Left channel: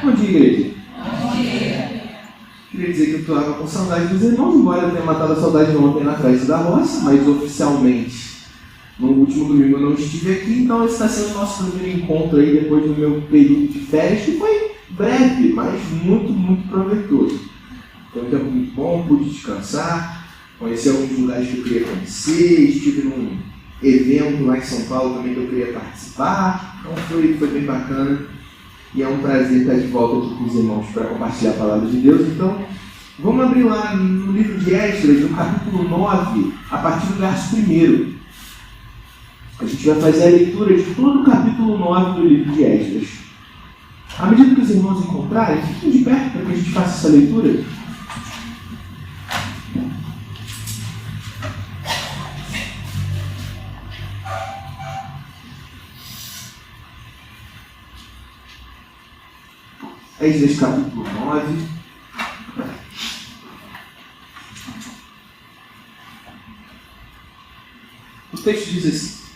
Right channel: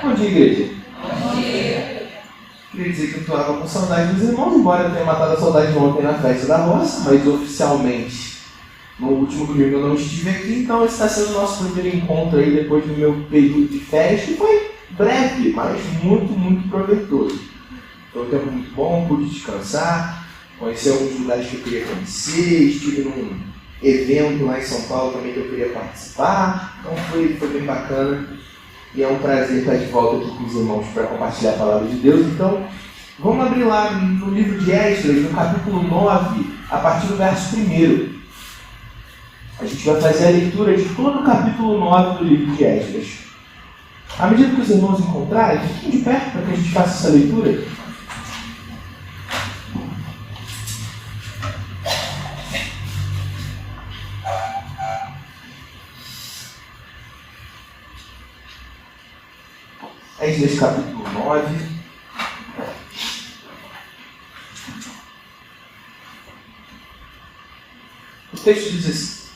Bom dia, igreja. Bom dia. Queria dizer que eu estava com saudade dos irmãos, embora eu tenha matado a saudade ontem na festa da roça, mas oficialmente no último domingo eu não estive aqui, então esse está sendo o nosso primeiro encontro aí depois do meu período de festa, e foi breve, mas muito, muito proveitoso. Foi um tempo muito bom, pude descansar, conheci alguns lugares que eu queria conhecer, estive num evento lá em São Paulo também que eu queria participar, então foi bem bacana. E é um prazer estar de volta aqui com os irmãos para compartilhar a palavra de Deus. Então, vamos abrir lá no livro de Esdras, no capítulo 9, a partir do verso 1. A gente vai fazer a leitura de todo o capítulo 9 do livro de Esdras. À medida que os irmãos encontrarem, fiquem de perto para que a gente faça essa leitura. Esdras capítulo 9. O texto diz assim:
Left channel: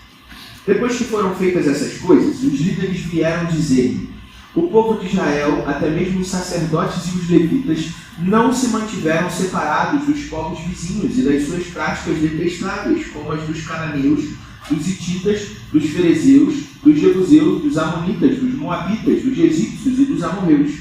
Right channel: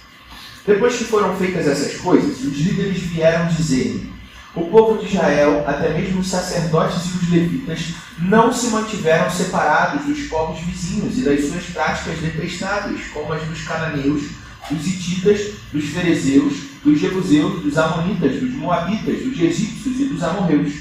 Depois que foram feitas essas coisas, os líderes vieram dizer-me: o povo de Israel, até mesmo os sacerdotes e os levitas, não se mantiveram separados dos povos vizinhos e das suas práticas detestáveis, como as dos cananeus, dos hititas, dos ferezeus, dos jebuseus, dos amonitas, dos moabitas, dos egípcios e dos amorreus.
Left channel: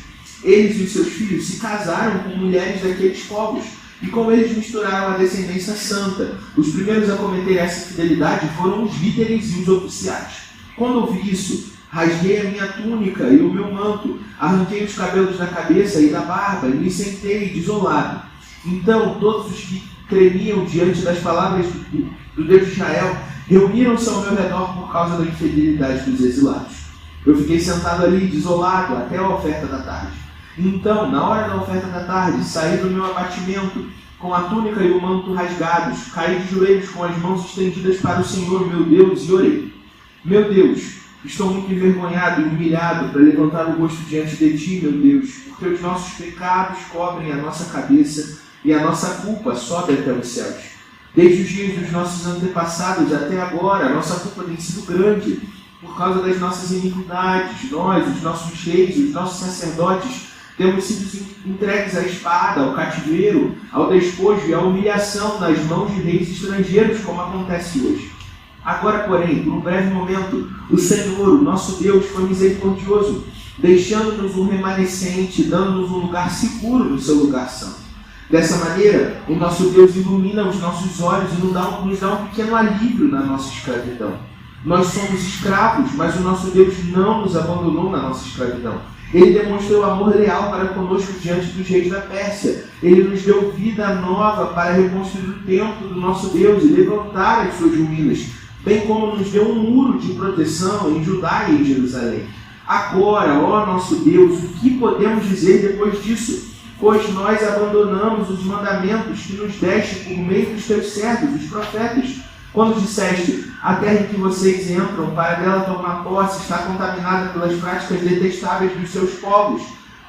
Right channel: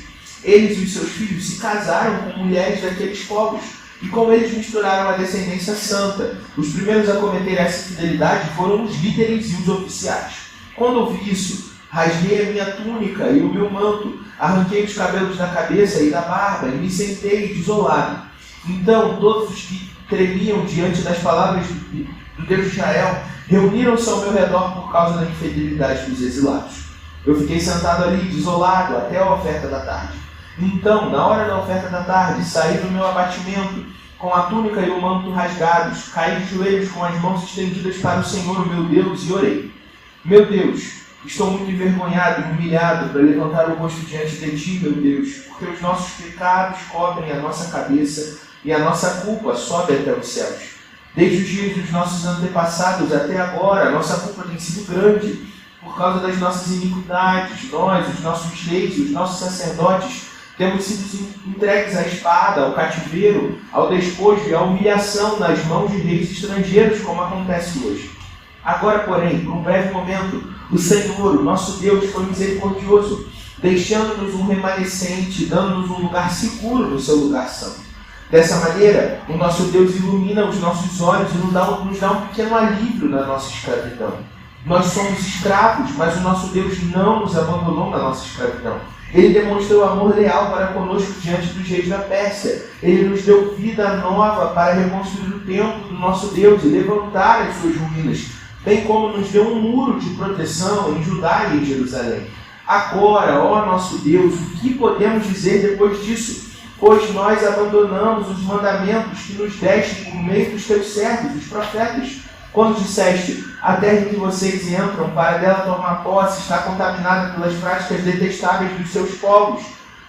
Eles e os seus filhos se casaram com mulheres daqueles povos, e com eles misturaram a descendência santa. Os primeiros a cometerem essa infidelidade foram os líderes e os oficiais. Quando ouvi isso, rasguei a minha túnica e o meu manto, arranquei os cabelos da cabeça e da barba, e me sentei desolado. Então todos os que tremiam diante das palavras do Deus de Israel reuniram-se ao meu redor por causa da infidelidade dos exilados. Eu fiquei sentado ali, desolado, até a oferta da tarde. Então, na hora da oferta da tarde, saí do meu abatimento, com a túnica e o manto rasgados, caí de joelhos com as mãos estendidas para o Senhor, meu Deus, e orei. Meu Deus, estou muito envergonhado e humilhado para levantar o rosto diante de ti, meu Deus, porque os nossos pecados cobrem a nossa cabeça e a nossa culpa sobe até os céus. Desde os dias dos nossos antepassados até agora, a nossa culpa tem sido grande por causa das nossas iniquidades. Nós, os nossos reis e os nossos sacerdotes, temos sido entregues à espada, ao cativeiro, ao despojo e à humilhação nas mãos de reis estrangeiros, como acontece hoje. Agora, porém, por um breve momento, o Senhor, o nosso Deus, foi misericordioso, deixando-nos um remanescente, dando-nos um lugar seguro no seu lugar santo. Dessa maneira, o nosso Deus ilumina os nossos olhos e nos dá um pequeno alívio na nossa escravidão. Nós somos escravos, mas o nosso Deus não nos abandonou na nossa escravidão. Ele demonstrou amor leal para conosco diante dos reis da Pérsia. Ele nos deu vida nova para reconstruir o templo do nosso Deus e levantar as suas ruínas, bem como nos deu um muro de proteção em Judá e em Jerusalém. Agora, ó nosso Deus, o que podemos dizer depois disso? Pois nós abandonamos os mandamentos que nos deste por meio dos teus servos, os profetas, quando disseste: a terra em que vocês entram para dela tomar posse está contaminada pelas práticas detestáveis dos seus povos.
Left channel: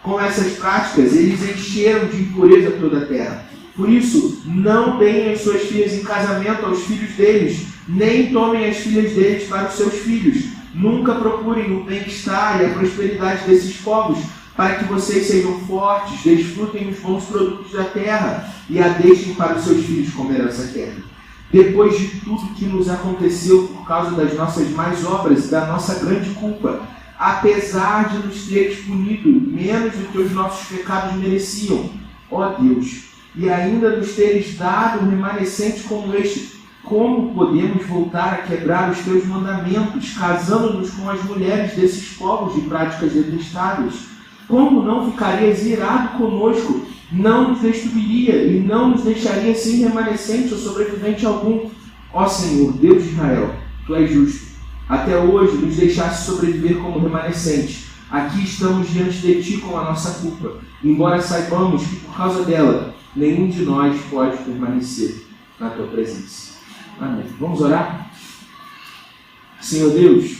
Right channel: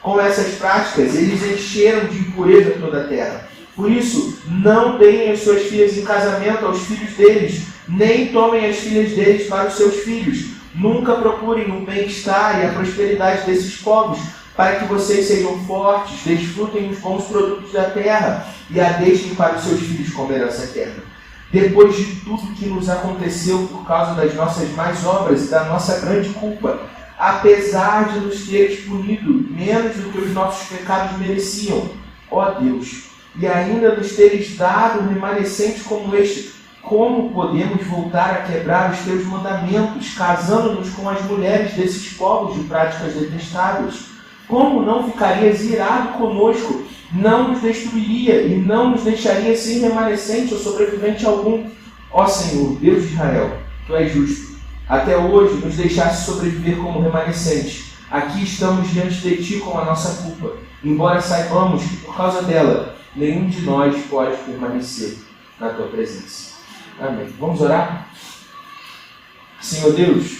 Com essas práticas, eles encheram de impureza toda a terra. Por isso, não deem as suas filhas em casamento aos filhos deles, nem tomem as filhas deles para os seus filhos. Nunca procurem o bem-estar e a prosperidade desses povos, para que vocês sejam fortes, desfrutem os bons produtos da terra e a deixem para os seus filhos como herança eterna. Depois de tudo que nos aconteceu por causa das nossas más obras e da nossa grande culpa, apesar de nos teres punido menos do que os nossos pecados mereciam, ó Deus, e ainda nos teres dado um remanescente como este, como podemos voltar a quebrar os teus mandamentos, casando-nos com as mulheres desses povos de práticas detestáveis? Como não ficarias irado conosco? Não nos destruiria e não nos deixaria sem remanescente ou sobrevivente algum. Ó Senhor, Deus de Israel, Tu és justo. Até hoje nos deixaste sobreviver como remanescente. Aqui estamos diante de Ti com a nossa culpa, embora saibamos que por causa dela, nenhum de nós pode permanecer na Tua presença. Amém. Vamos orar? Senhor Deus,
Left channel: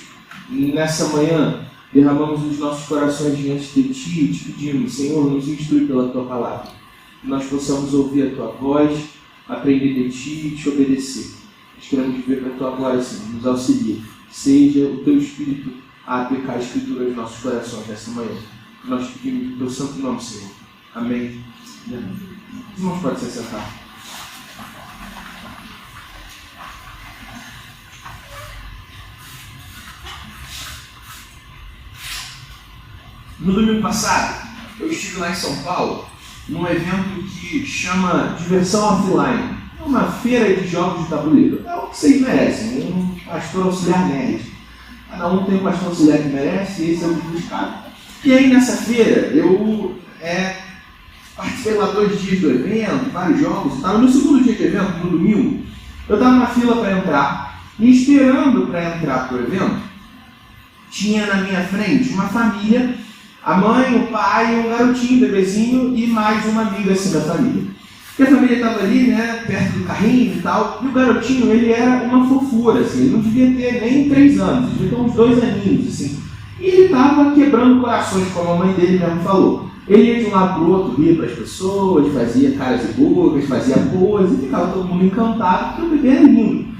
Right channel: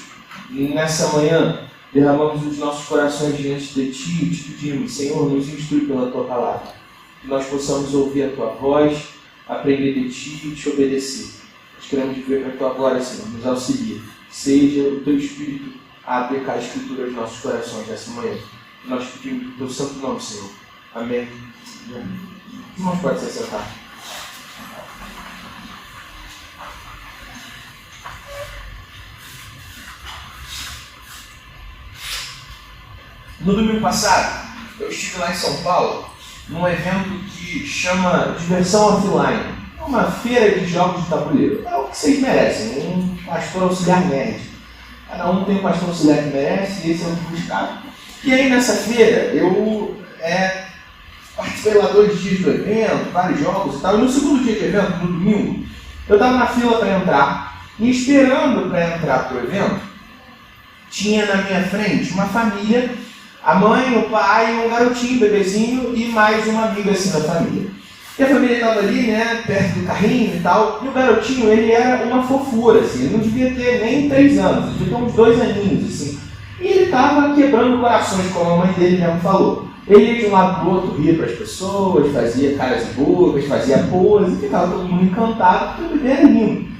nessa manhã, derramamos os nossos corações diante de Ti e Te pedimos: Senhor, nos instrui pela Tua palavra, que nós possamos ouvir a Tua voz, aprender de Ti e Te obedecer. Nós queremos viver para a Tua glória, Senhor, nos auxilia. Seja o Teu Espírito a aplicar a Escritura aos nossos corações nessa manhã. Nós pedimos o teu santo nome, Senhor. Amém. Os irmãos podem se assentar. No domingo passado, eu estive lá em São Paulo, num evento que chama Diversão Offline. É uma feira de jogos de tabuleiro. É o que vocês merecem, um pastor auxiliar nerd. Cada um tem um pastor auxiliar que merece, e esse é o que buscado. E aí nessa feira, eu participei lá 2 dias do evento, vários jogos e tal. No segundo dia de evento, no domingo, eu estava na fila para entrar, e esperando para entrar para o evento, tinha na minha frente uma família, a mãe, o pai, um garotinho, um bebezinho e mais uma amiga assim da família. E a família estava ali, né, perto do carrinho e tal, e o garotinho, ele era uma fofura, assim, ele não devia ter nem 3 anos, ele devia ter uns 2 aninhos, assim. E ele estava quebrando corações, como a mãe dele mesmo falou. Ele ia de um lado para o outro, ria para as pessoas, fazia caras e bocas, fazia pose, e ficava todo mundo encantado, porque o bebê era lindo.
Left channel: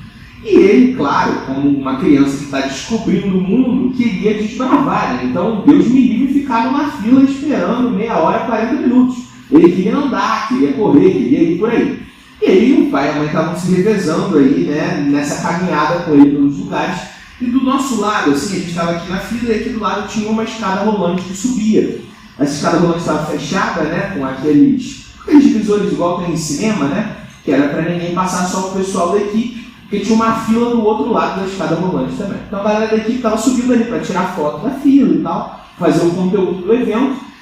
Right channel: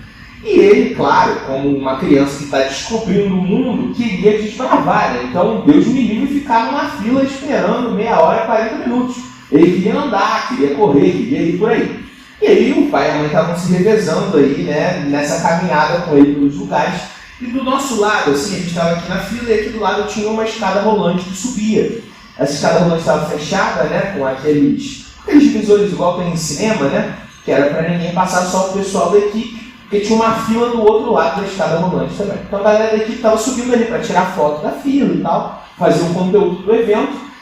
E ele, claro, como uma criança que está descobrindo o mundo, queria desbravar, né? Então, Deus me livre, ficava na fila esperando meia hora, 40 minutos. Ele queria andar, queria correr, queria ir por aí. E aí o pai e a mãe estavam se revezando aí, né, nessa caminhada com ele pelos lugares. E do nosso lado, assim, a gente estava aqui na fila e aqui do lado tinha uma escada rolante que subia. Essa escada rolante estava fechada, né, com aqueles divisores igual tem em cinema, né, que era para ninguém passar, só o pessoal da equipe, porque tinha uma fila do outro lado da escada rolante também. Então a galera da equipe estava subindo ali para tirar foto da fila e tal, fazer um conteúdo do evento.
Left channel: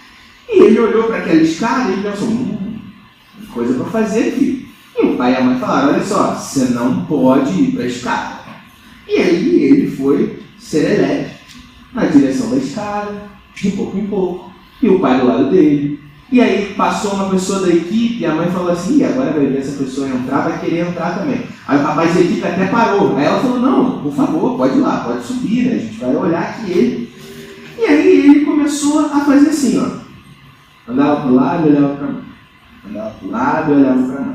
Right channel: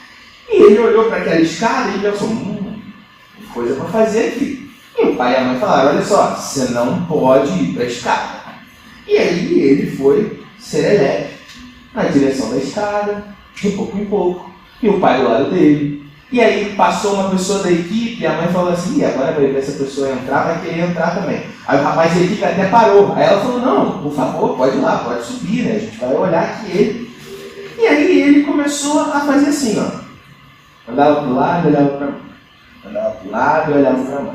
E ele olhou para aquela escada e pensou, coisa para fazer aqui. E o pai e a mãe falaram, olha só, você não pode ir para a escada. E aí ele foi serelepe na direção da escada, de pouco em pouco, e o pai do lado dele. E aí passou uma pessoa da equipe, e a mãe falou assim, agora vai ver essa pessoa entrar, vai querer entrar também. Aí o rapaz da equipe até parou. Aí ela falou, não, por favor, pode ir lá, pode subir, né? A gente vai olhar aqui ele. E aí ele começou a fazer assim, ó. Andava para o lado, olhava para a mão. Andava para o lado, olhava para a mão.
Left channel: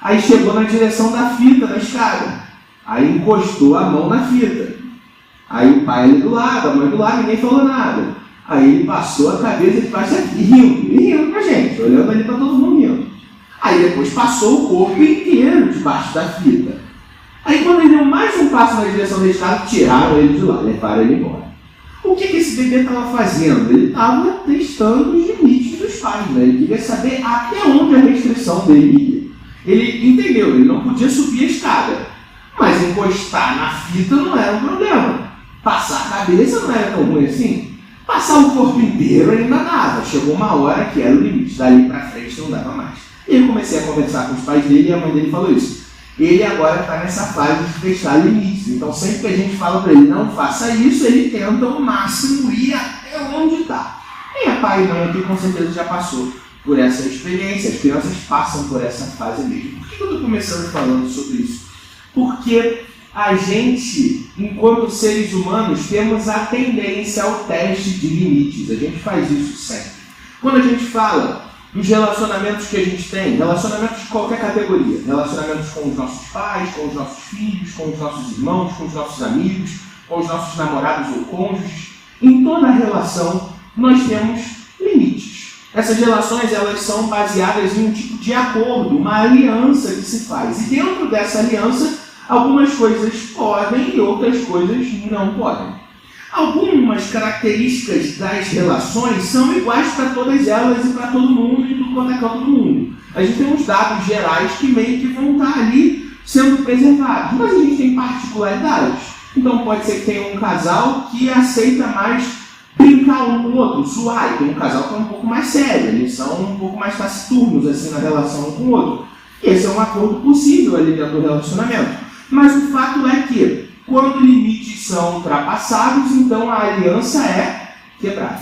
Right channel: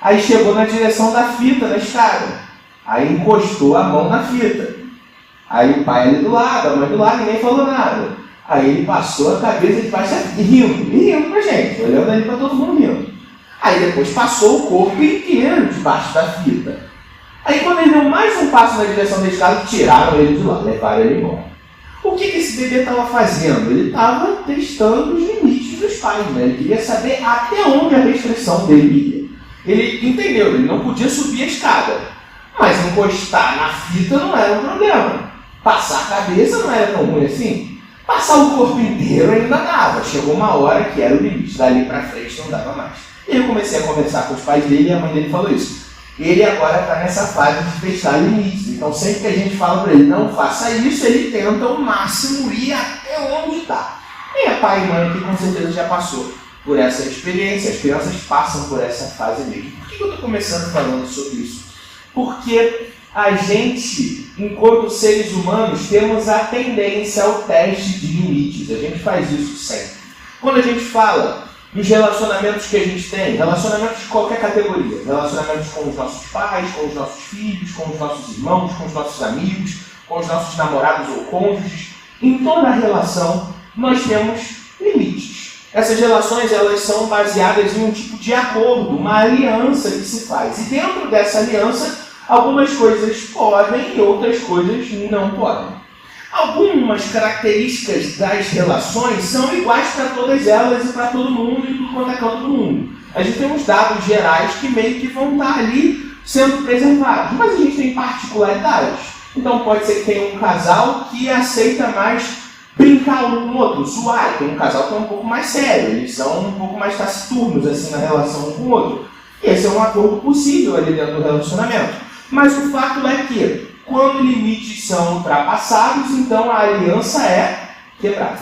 Aí chegou na direção da fita, da escada. Aí encostou a mão na fita. Aí o pai ali do lado, a mãe do lado, ninguém falou nada. Aí ele passou a cabeça de baixo e rindo com a gente, olhando ali para todo mundo rindo. Aí depois passou o corpo inteiro debaixo da fita. Aí quando ele deu mais um passo na direção da escada, tiraram ele de lá, levaram ele embora. O que esse bebê estava fazendo? Ele estava testando os limites dos pais, né? Ele queria saber até onde a restrição dele ia. Ele entendeu, ele não podia subir a escada, mas encostar na fita não era um problema. Passar a cabeça não era tão ruim assim. Passar o corpo inteiro ainda dava. Chegou uma hora que era o limite, dali para frente não dava mais. E eu comecei a conversar com os pais dele e a mãe dele falou isso. Ele agora está nessa fase de testar limites. Então sempre que a gente fala para ele não faça isso, ele tenta ao máximo ir até onde está. E a pai e mãe aqui com certeza já passou por essa experiência. As crianças passam por essa fase mesmo. Por que eu estou começando falando sobre isso? Porque a gente, enquanto seres humanos, temos a tendência ao teste de limites. A gente faz isso sempre. Quando a gente fala dos relacionamentos que a gente tem, relacionamentos de qualquer categoria, relacionamentos com os nossos pais, com os nossos filhos, com os nossos irmãos, com os nossos amigos, com os nossos namorados ou cônjuges, em toda relação nós temos limites. Essas relações elas são baseadas em um tipo de acordo, uma aliança que se faz. E dentro dessa aliança, algumas coisas podem e outras coisas não podem. Algumas características das relações são iguais para todas elas e para todo mundo e tudo quanto é canto do mundo. A gente tem uns dados gerais que meio que vão estar ali sendo preservados, mas a gente tem particularidades. Então pode ser que tenha um casal que aceita mais brincar um com o outro, zoar. Tem um casal que é um pouco mais sério, eles são um pouco mais taciturnos assim, na relação um com o outro. Esse é um acordo possível ali dentro do relacionamento. Mas o fato é que quando limites são ultrapassados, então a aliança é quebrada.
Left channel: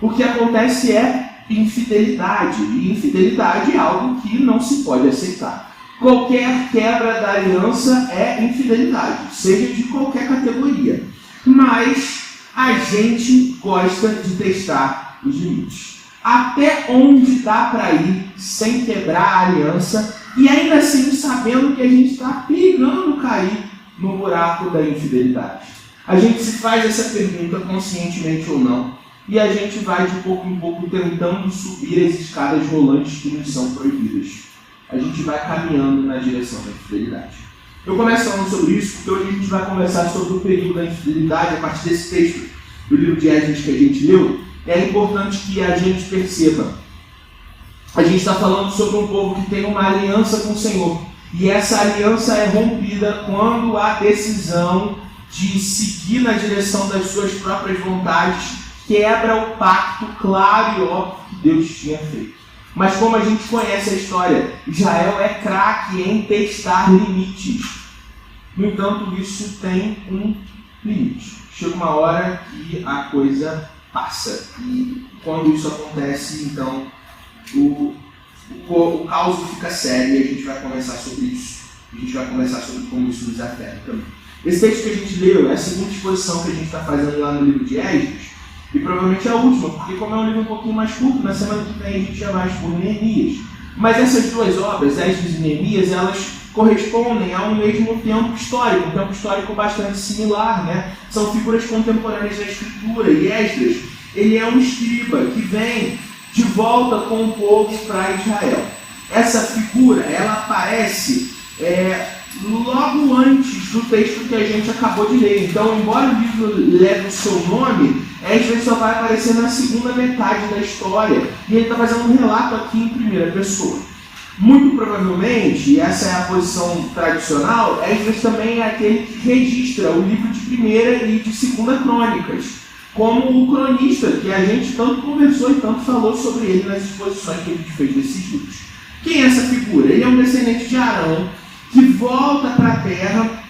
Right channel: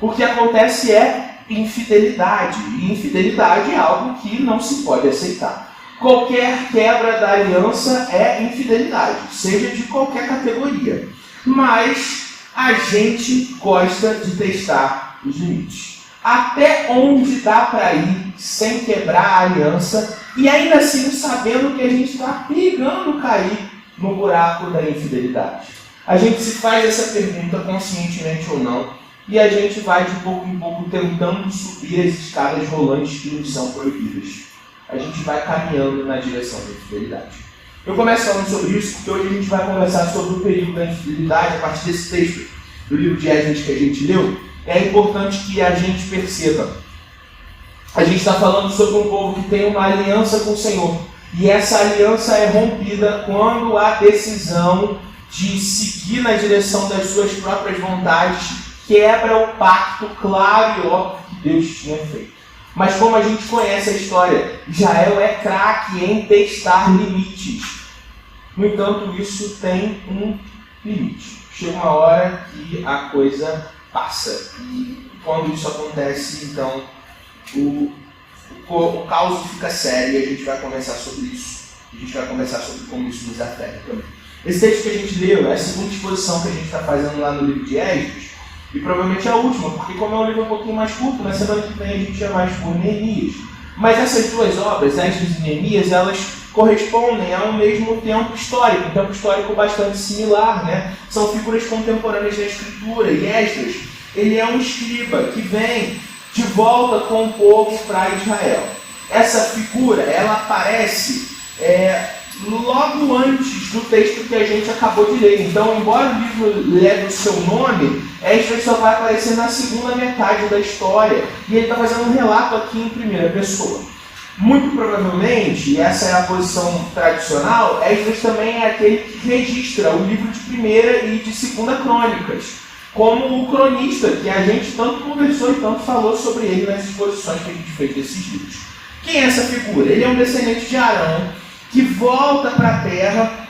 O que acontece é infidelidade. E infidelidade é algo que não se pode aceitar. Qualquer quebra da aliança é infidelidade, seja de qualquer categoria. Mas a gente gosta de testar os limites. Até onde dá para ir sem quebrar a aliança e ainda assim sabendo que a gente está perigando cair no buraco da infidelidade. A gente se faz essa pergunta conscientemente ou não, e a gente vai de pouco em pouco tentando subir as escadas rolantes que nos são proibidas. A gente vai caminhando na direção da infidelidade. Eu começo falando sobre isso porque hoje a gente vai conversar sobre o perigo da infidelidade a partir desse texto do livro de Esdras que a gente leu. É importante que a gente perceba. A gente está falando sobre um povo que tem uma aliança com o Senhor. E essa aliança é rompida quando há decisão de seguir na direção das suas próprias vontades, quebra o pacto claro e óbvio que Deus tinha feito. Mas como a gente conhece a história, Israel é craque em testar limites. No entanto, isso tem um limite. Chega uma hora que a coisa passa. E quando isso acontece, então o caos fica sério e a gente vai conversar sobre isso. A gente vai conversar sobre como isso nos afeta também. Esse texto que a gente leu é a segunda exposição que a gente está fazendo lá no livro de Esdras, e provavelmente é a última, porque como é um livro um pouquinho mais curto, na semana que vem a gente já vai por Neemias. Mas essas duas obras, Esdras e Neemias, elas correspondem a um mesmo tempo histórico, um tempo histórico bastante similar, né? São figuras contemporâneas da Escritura, e Esdras, ele é um escriba que vem de volta com o povo para Israel. Essa figura, ela aparece logo antes do texto que a gente acabou de ler. Então, embora o livro leve o seu nome, Esdras só vai aparecer na segunda metade da história. E ele está fazendo um relato aqui em primeira pessoa. Muito provavelmente, e essa é a posição tradicional, Esdras também é aquele que registra o livro de primeira e de segunda crônicas, como o cronista, que a gente tanto conversou e tanto falou sobre ele nas exposições que a gente fez desses livros. Quem é essa figura? Ele é um descendente de Arão, que volta para a terra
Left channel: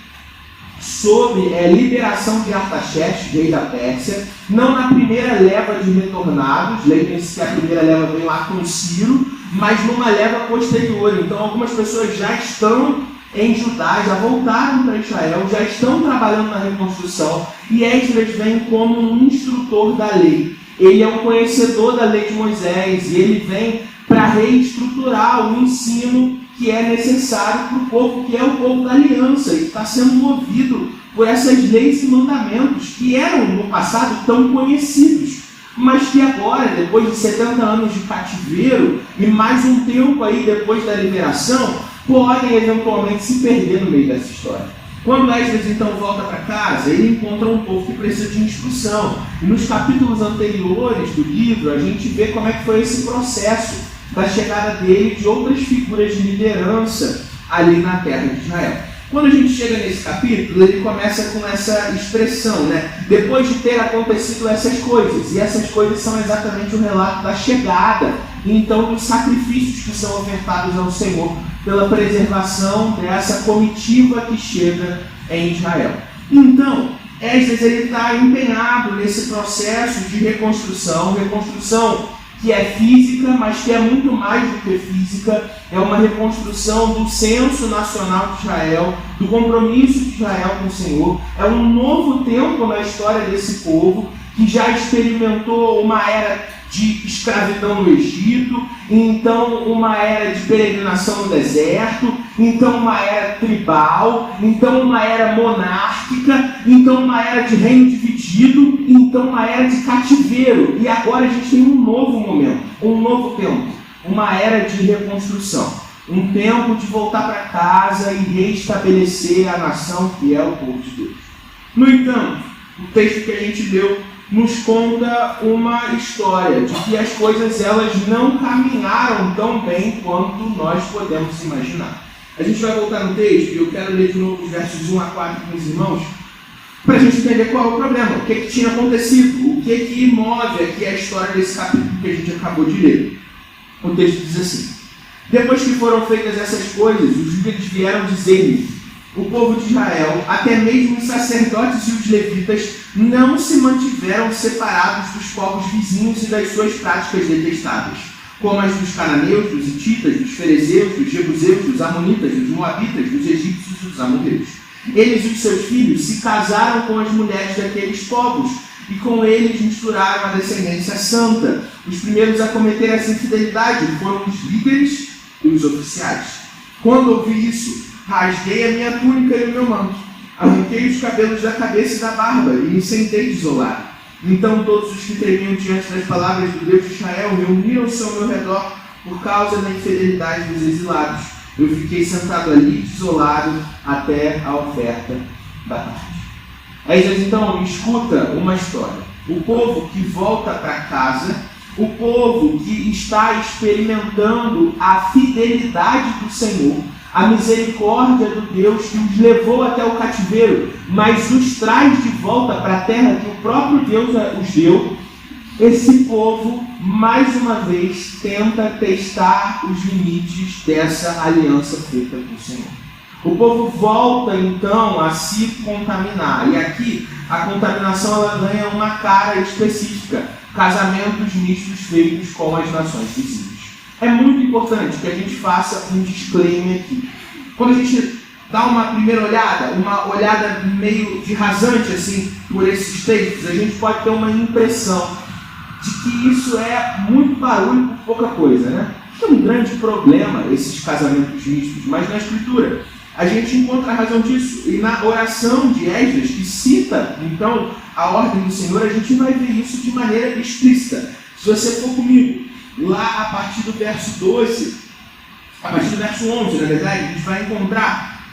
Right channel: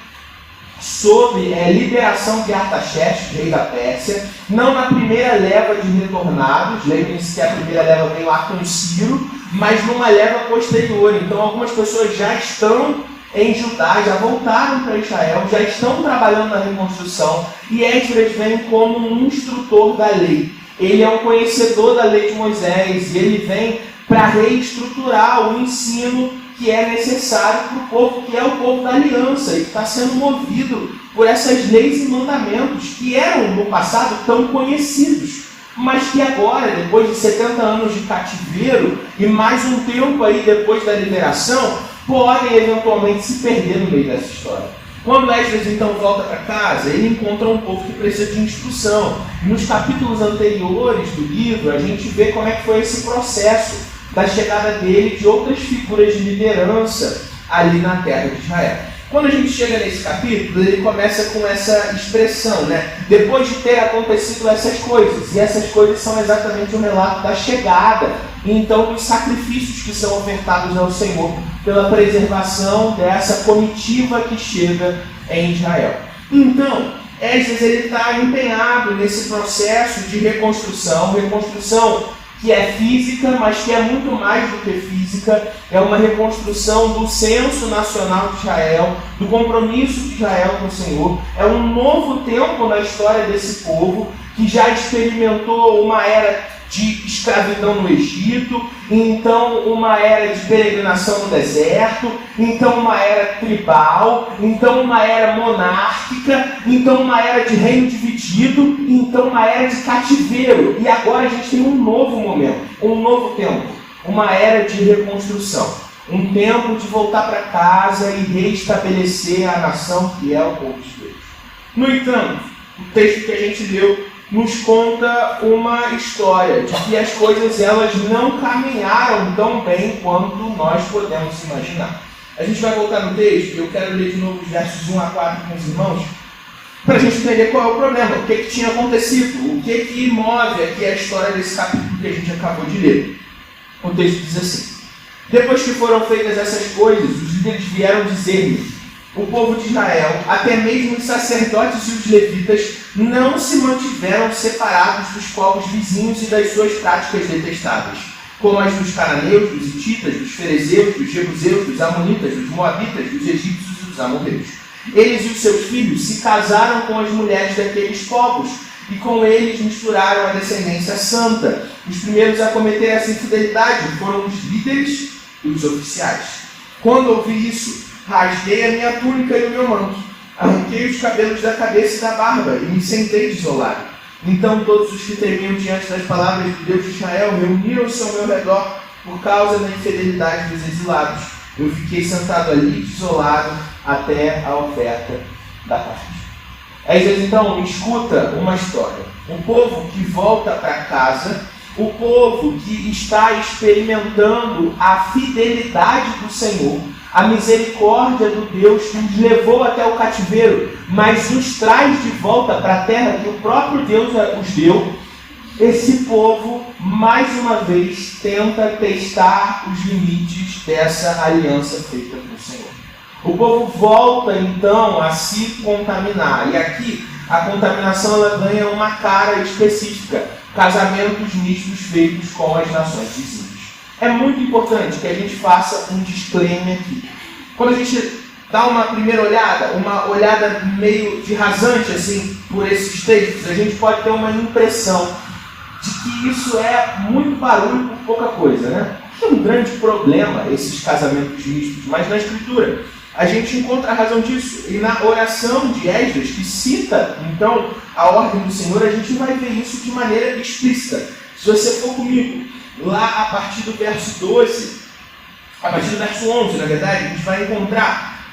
sob liberação de Artaxerxes, rei da Pérsia, não na primeira leva de retornados, lembrem-se que a primeira leva veio lá com Ciro, mas numa leva posterior. Então algumas pessoas já estão em Judá, já voltaram para Israel, já estão trabalhando na reconstrução, e Esdras vem como um instrutor da lei. Ele é um conhecedor da lei de Moisés, e ele vem para reestruturar o ensino que é necessário para o povo, que é o povo da aliança, e está sendo movido por essas leis e mandamentos que eram no passado tão conhecidos, mas que agora, depois de 70 anos de cativeiro e mais um tempo aí depois da liberação, podem eventualmente se perder no meio dessa história. Quando Esdras então volta para casa, ele encontra um povo que precisa de instrução. E nos capítulos anteriores do livro, a gente vê como é que foi esse processo da chegada dele, de outras figuras de liderança ali na terra de Israel. Quando a gente chega nesse capítulo, ele começa com essa expressão, né? Depois de ter acontecido essas coisas, e essas coisas são exatamente o relato da chegada, e então dos sacrifícios que são ofertados ao Senhor, pela preservação dessa comitiva que chega em Israel. Então, Esdras está empenhado nesse processo de reconstrução que é física, mas que é muito mais do que física, é uma reconstrução do senso nacional de Israel, do compromisso de Israel com o Senhor. É um novo tempo na história desse povo, que já experimentou uma era de escravidão no Egito, então uma era de peregrinação no deserto, então uma era tribal, então uma era monárquica, então uma era de reino dividido, então uma era de cativeiro. E agora a gente tem um novo momento, um novo tempo, uma era de reconstrução, um tempo de voltar para casa e reestabelecer a nação que é o povo de Deus. No entanto, o texto que a gente leu nos conta uma história de que as coisas elas não caminharam tão bem quanto nós podemos imaginar. A gente vai voltar no texto e eu quero ler de novo os versos 1 a 4 com os irmãos, para a gente entender qual é o problema, o que tinha acontecido, o que move aqui a história desse capítulo que a gente acabou de ler. O texto diz assim: depois que foram feitas essas coisas, os líderes vieram dizer-lhe: o povo de Israel, até mesmo os sacerdotes e os levitas, não se mantiveram separados dos povos vizinhos e das suas práticas detestáveis, como as dos cananeus, dos hititas, dos ferezeus, dos jebuseus, dos amonitas, dos moabitas, dos egípcios e dos amorreus. Eles e os seus filhos se casaram com as mulheres daqueles povos, e com eles misturaram a descendência santa. Os primeiros a cometer essa infidelidade foram os líderes e os oficiais. Quando ouvi isso, rasguei a minha túnica e o meu manto, arranquei os cabelos da cabeça e da barba e me sentei desolado. Então todos os que tremiam diante das palavras do Deus de Israel reuniram-se ao meu redor por causa da infidelidade dos exilados. Eu fiquei sentado ali, desolado, até a oferta da tarde. Esdras então escuta uma história. O povo que volta para casa, o povo que está experimentando a fidelidade do Senhor, a misericórdia do Deus que os levou até o cativeiro, mas os traz de volta para a terra que o próprio Deus os deu. Esse povo, mais uma vez, tenta testar os limites dessa aliança feita com o Senhor. O povo volta, então, a se contaminar. E aqui, a contaminação ela ganha uma cara específica. Casamentos mistos feitos com as nações vizinhas. É muito importante que a gente faça um disclaimer aqui. Quando a gente dá uma primeira olhada, uma olhada meio de rasante, assim, por esses textos, a gente pode ter uma impressão de que isso é muito barulho por pouca coisa, né? É um grande problema esses casamentos mistos, mas na Escritura a gente encontra a razão disso. E na oração de Esdras, que cita, então, a ordem do Senhor, a gente vai ver isso de maneira explícita. Se você for comigo, lá a partir do verso 12, a partir do verso 11, na verdade, a gente vai encontrar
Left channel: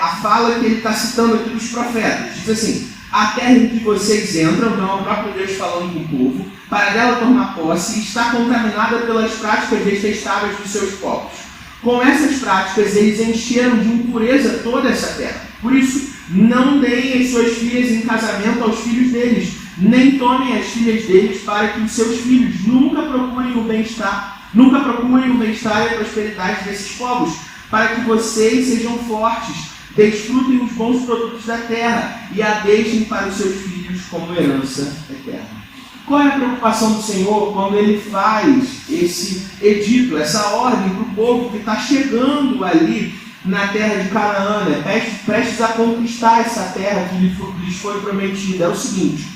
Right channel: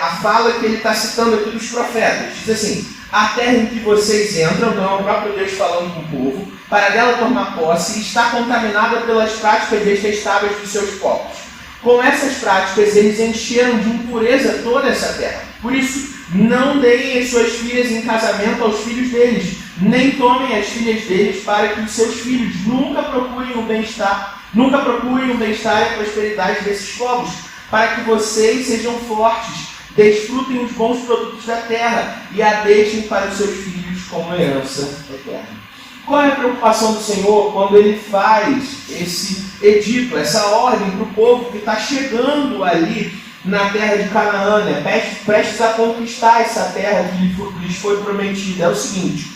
a fala que ele está citando aqui dos profetas. Diz assim: a terra em que vocês entram, então é o próprio Deus falando com o povo, para dela tomar posse, está contaminada pelas práticas detestáveis dos seus povos. Com essas práticas, eles encheram de impureza toda essa terra. Por isso, não deem as suas filhas em casamento aos filhos deles, nem tomem as filhas deles, para que os seus filhos nunca procurem o bem-estar e a prosperidade desses povos, para que vocês sejam fortes, desfrutem os bons produtos da terra e a deixem para os seus filhos como herança eterna. Qual é a preocupação do Senhor quando Ele faz esse edito, essa ordem para o povo que está chegando ali na terra de Canaã, né? Prestes a conquistar essa terra que lhes foi prometida? É o seguinte:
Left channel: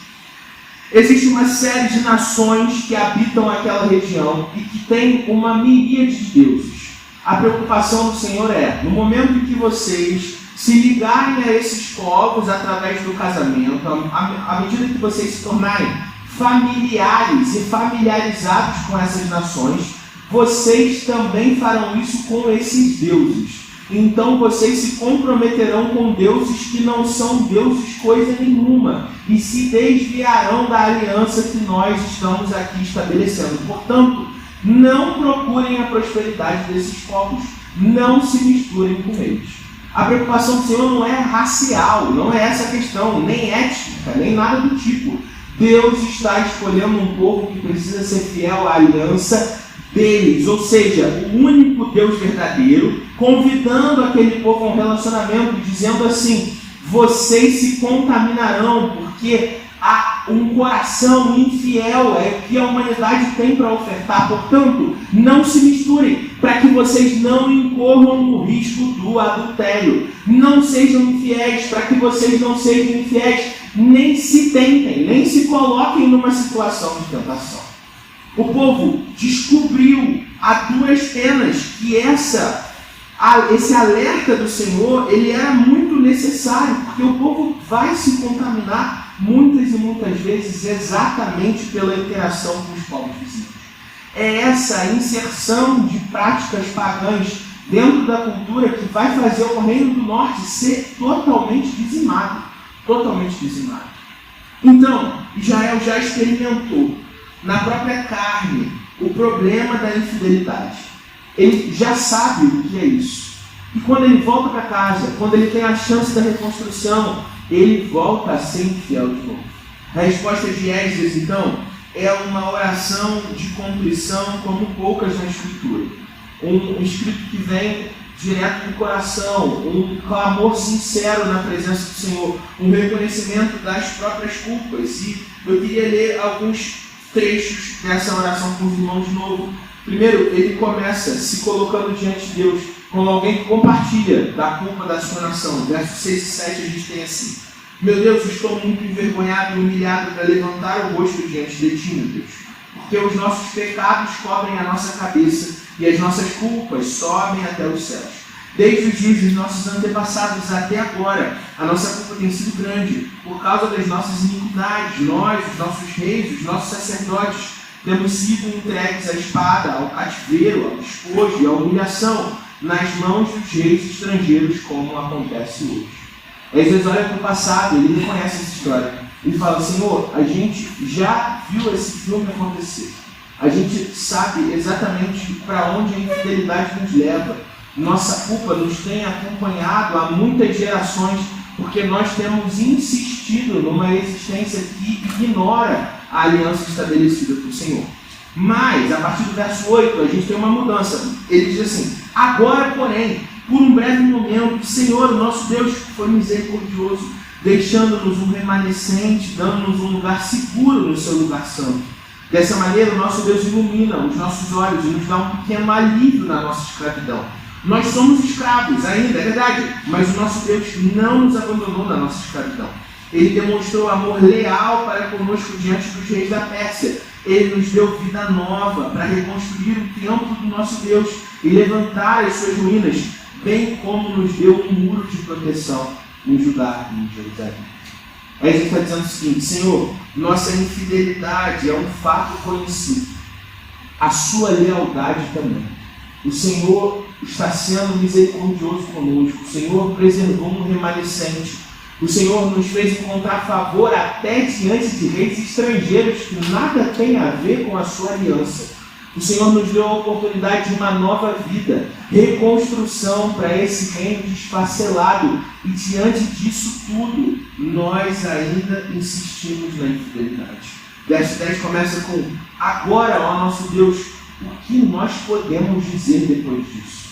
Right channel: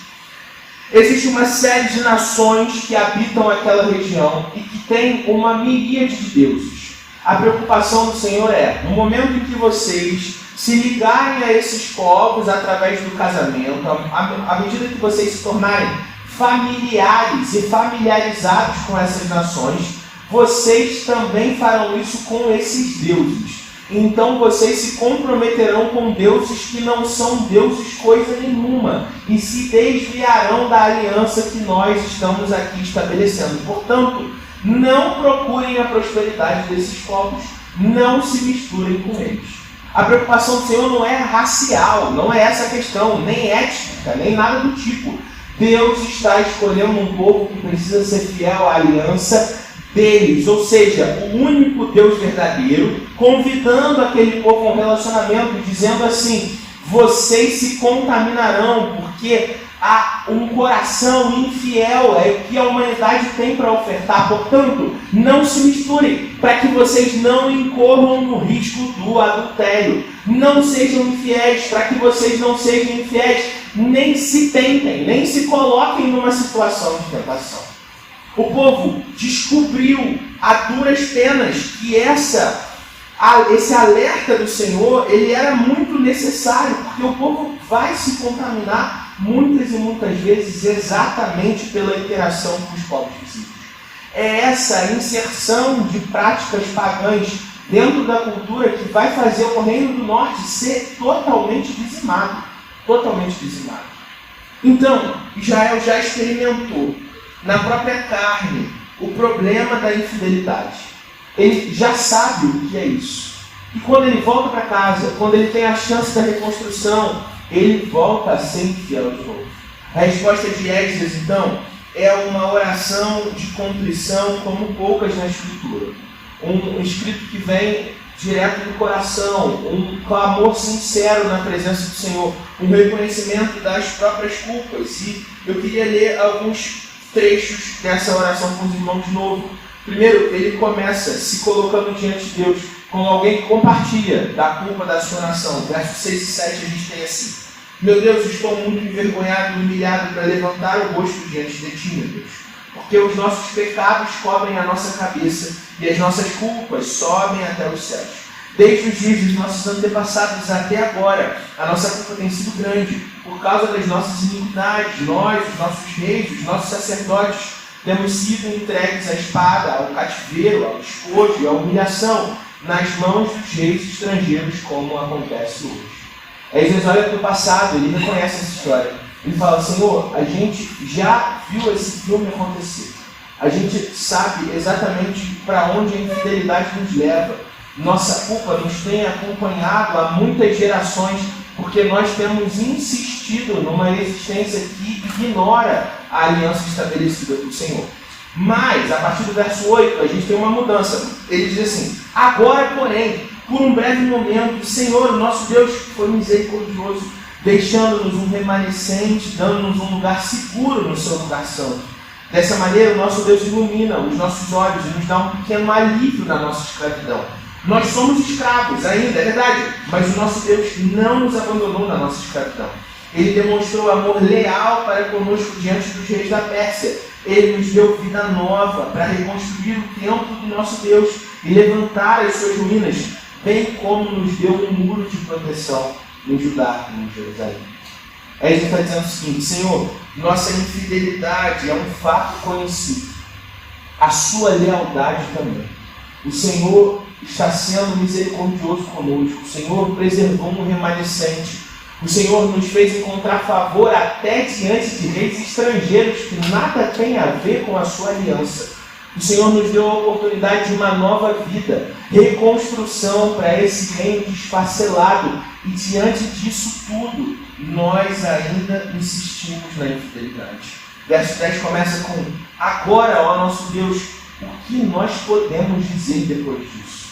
existe uma série de nações que habitam aquela região e que tem uma miríade de deuses. A preocupação do Senhor é, no momento em que vocês se ligarem a esses povos através do casamento, à medida que vocês se tornarem familiares e familiarizados com essas nações, vocês também farão isso com esses deuses. Então vocês se comprometerão com deuses que não são deuses coisa nenhuma e se desviarão da aliança que nós estamos aqui estabelecendo. Portanto, não procurem a prosperidade desses povos, não se misturem com eles. A preocupação do Senhor não é racial, não é essa a questão, nem étnica, nem nada do tipo. Deus está escolhendo um povo que precisa ser fiel à aliança deles, ou seja, o único Deus verdadeiro, convidando aquele povo a um relacionamento, dizendo assim: vocês se contaminarão, porque há um coração infiel, é o que a humanidade tem para ofertar. Portanto, não se misturem, para que vocês não incorram no risco do adultério. Não sejam infiéis, para que vocês não sejam infiéis. Nem se tentem, nem se coloquem numa situação de tentação. O povo descobriu a duras penas que esse alerta do Senhor, ele era muito necessário, porque o povo vai se contaminar muitas e muitas vezes exatamente pela interação com os povos vizinhos. É essa inserção de práticas pagãs dentro da cultura que vai fazer o Reino do Norte ser totalmente dizimado. Totalmente dizimado. Então, Israel já experimentou na própria carne o problema da infidelidade. Ele já sabe o que é isso. E quando ele volta para casa, quando ele tem a chance da reconstrução, ele volta a ser infiel de novo. A resposta de Esdras, então, é uma oração de contrição como poucas na Escritura. Um escrito que vem direto do coração, um clamor sincero na presença do Senhor, um reconhecimento das próprias culpas. E eu queria ler alguns trechos dessa oração com os irmãos de novo. Primeiro, ele começa se colocando diante de Deus como alguém que compartilha da culpa da sua nação. Versos 6 e 7 a gente tem assim: meu Deus, estou muito envergonhado e humilhado para levantar o rosto diante de ti, meu Deus, porque os nossos pecados cobrem a nossa cabeça e as nossas culpas sobem até os céus. Desde os dias dos nossos antepassados até agora, a nossa culpa tem sido grande, por causa das nossas iniquidades. Nós, os nossos reis, os nossos sacerdotes, temos sido entregues à espada, ao cativeiro, ao despojo e à humilhação, nas mãos dos reis estrangeiros, como acontece hoje. Esdras olha para o passado, ele reconhece essa história. Ele fala: Senhor, a gente já viu esse filme acontecer. A gente sabe exatamente para onde a infidelidade nos leva. Nossa culpa nos tem acompanhado há muitas gerações, porque nós temos insistido numa existência que ignora a aliança estabelecida por Senhor. Mas, a partir do verso 8, a gente tem uma mudança. Ele diz assim: agora, porém, por um breve momento, o Senhor, o nosso Deus, foi misericordioso, deixando-nos um remanescente, dando-nos um lugar seguro no seu lugar santo. Dessa maneira, o nosso Deus ilumina os nossos olhos e nos dá um pequeno alívio na nossa escravidão. Nós somos escravos ainda, é verdade, mas o nosso Deus não nos abandonou na nossa escravidão. Ele demonstrou amor leal para conosco diante dos reis da Pérsia. Ele nos deu vida nova para reconstruir o templo do nosso Deus e levantar as suas ruínas, bem como nos deu um muro de proteção em Judá e em Jerusalém. Esdras está dizendo o seguinte: Senhor, nossa infidelidade é um fato conhecido, a sua lealdade também. O Senhor está sendo misericordioso conosco, o Senhor preservou um remanescente, o Senhor nos fez encontrar favor até diante de reis estrangeiros que nada têm a ver com a sua aliança. O Senhor nos deu a oportunidade de uma nova vida, reconstrução para esse reino desfacelado, e diante disso tudo, nós ainda insistimos na infidelidade. Verso 10 começa com: agora, ó nosso Deus, o que nós podemos dizer depois disso?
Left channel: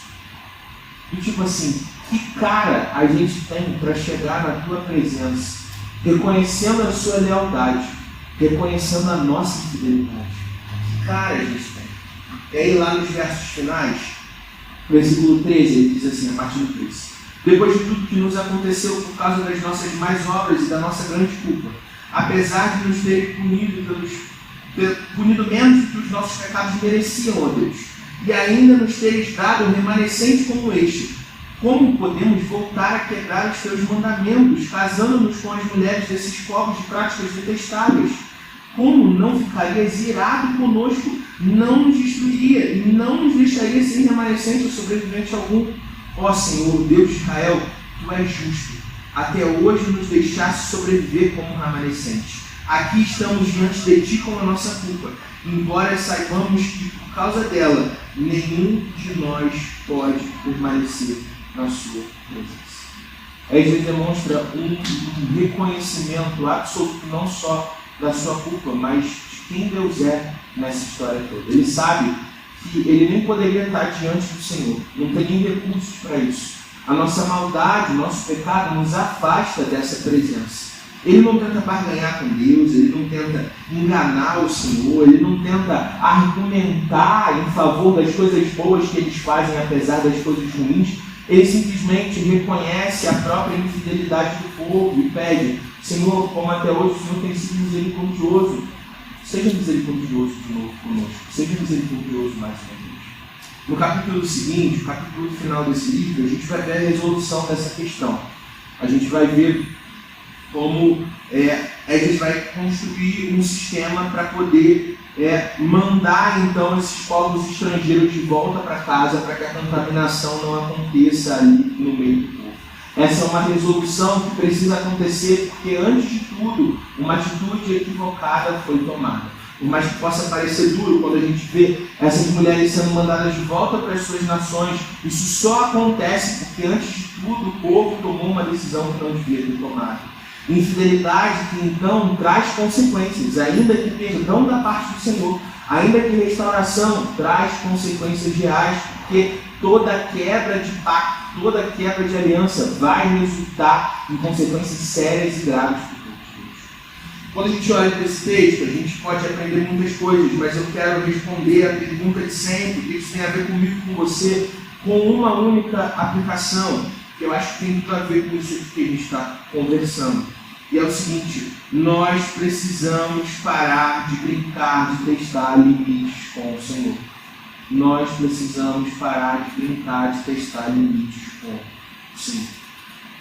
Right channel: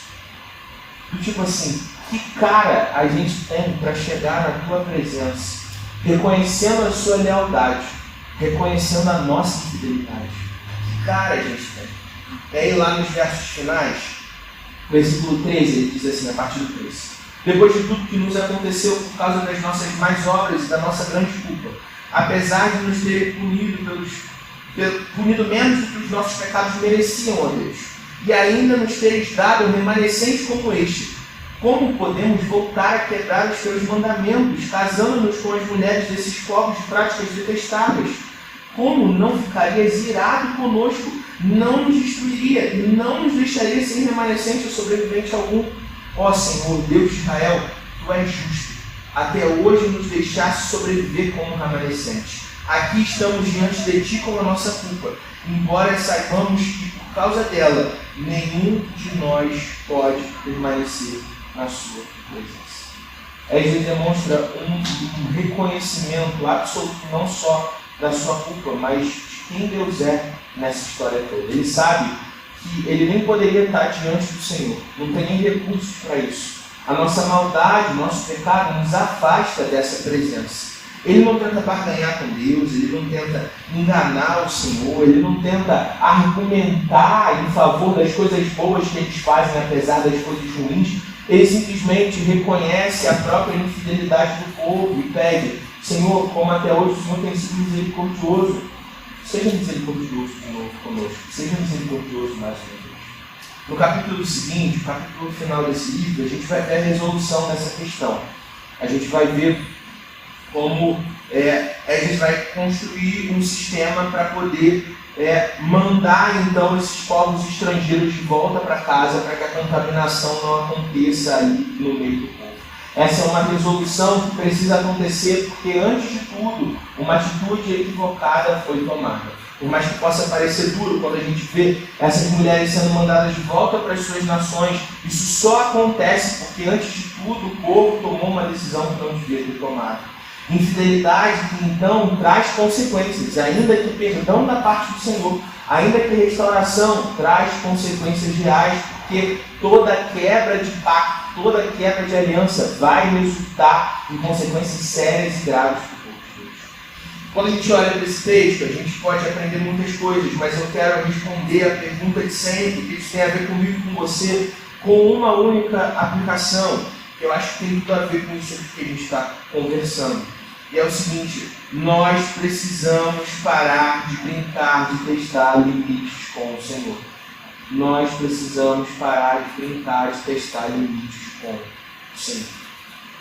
Do tipo assim, que cara a gente tem para chegar na tua presença, reconhecendo a sua lealdade, reconhecendo a nossa infidelidade? Que cara a gente tem? E aí lá nos versos finais, versículo 13, ele diz assim, a partir do 13: depois de tudo que nos aconteceu por causa das nossas más obras e da nossa grande culpa, apesar de nos ter punido menos do que os nossos pecados mereciam, ó Deus, e ainda nos teres dado um remanescente como este, como podemos voltar a quebrar os teus mandamentos, casando-nos com as mulheres desses povos de práticas detestáveis? Como não ficarias irado conosco, não nos destruiria e não nos deixaria sem remanescente ou sobrevivente algum? Ó Senhor, Deus de Israel, Tu és justo, até hoje nos deixaste sobreviver como remanescente. Aqui estamos diante de Ti com a nossa culpa, embora saibamos que por causa dela, nenhum de nós pode permanecer na Sua presença. Esdras demonstra um reconhecimento absoluto, não só da sua culpa, mas de quem Deus é nessa história toda. Ele sabe que ele nem poderia estar diante do Senhor, não tem nem recursos para isso. A nossa maldade, o nosso pecado nos afasta dessa presença. Ele não tenta barganhar com Deus, ele não tenta enganar o Senhor, ele não tenta argumentar em favor das coisas boas que eles fazem, apesar das coisas ruins. Ele simplesmente reconhece a própria infidelidade do povo e pede: Senhor, como até hoje o Senhor tem sido misericordioso, seja misericordioso de novo conosco, seja misericordioso mais uma vez. No capítulo seguinte, o capítulo final desse livro, a gente vai ver a resolução dessa questão. A gente vai ver como a gente vai construir um sistema para poder mandar então esses povos estrangeiros de volta para casa, para que a contaminação não aconteça ali no meio do povo. Essa é uma resolução que precisa acontecer porque, antes de tudo, uma atitude equivocada foi tomada. Por mais que possa parecer duro quando a gente vê essas mulheres sendo mandadas de volta para as suas nações, isso só acontece porque, antes de tudo, o povo tomou uma decisão que não devia ter tomado. Infidelidade que então traz consequências, ainda que perdão da parte do Senhor, ainda que restauração traz consequências reais, porque toda quebra de pacto, toda quebra de aliança vai resultar em consequências sérias e graves para o povo de Deus. Quando a gente olha para esse texto, a gente pode aprender muitas coisas, mas eu quero responder a pergunta de sempre, que isso tem a ver comigo e com você, com uma única aplicação, que eu acho que tem tudo a ver com isso que a gente está conversando. E é o seguinte: nós precisamos parar de brincar, de testar limites com o Senhor. nós precisamos parar de brincar, de testar limites com o Senhor.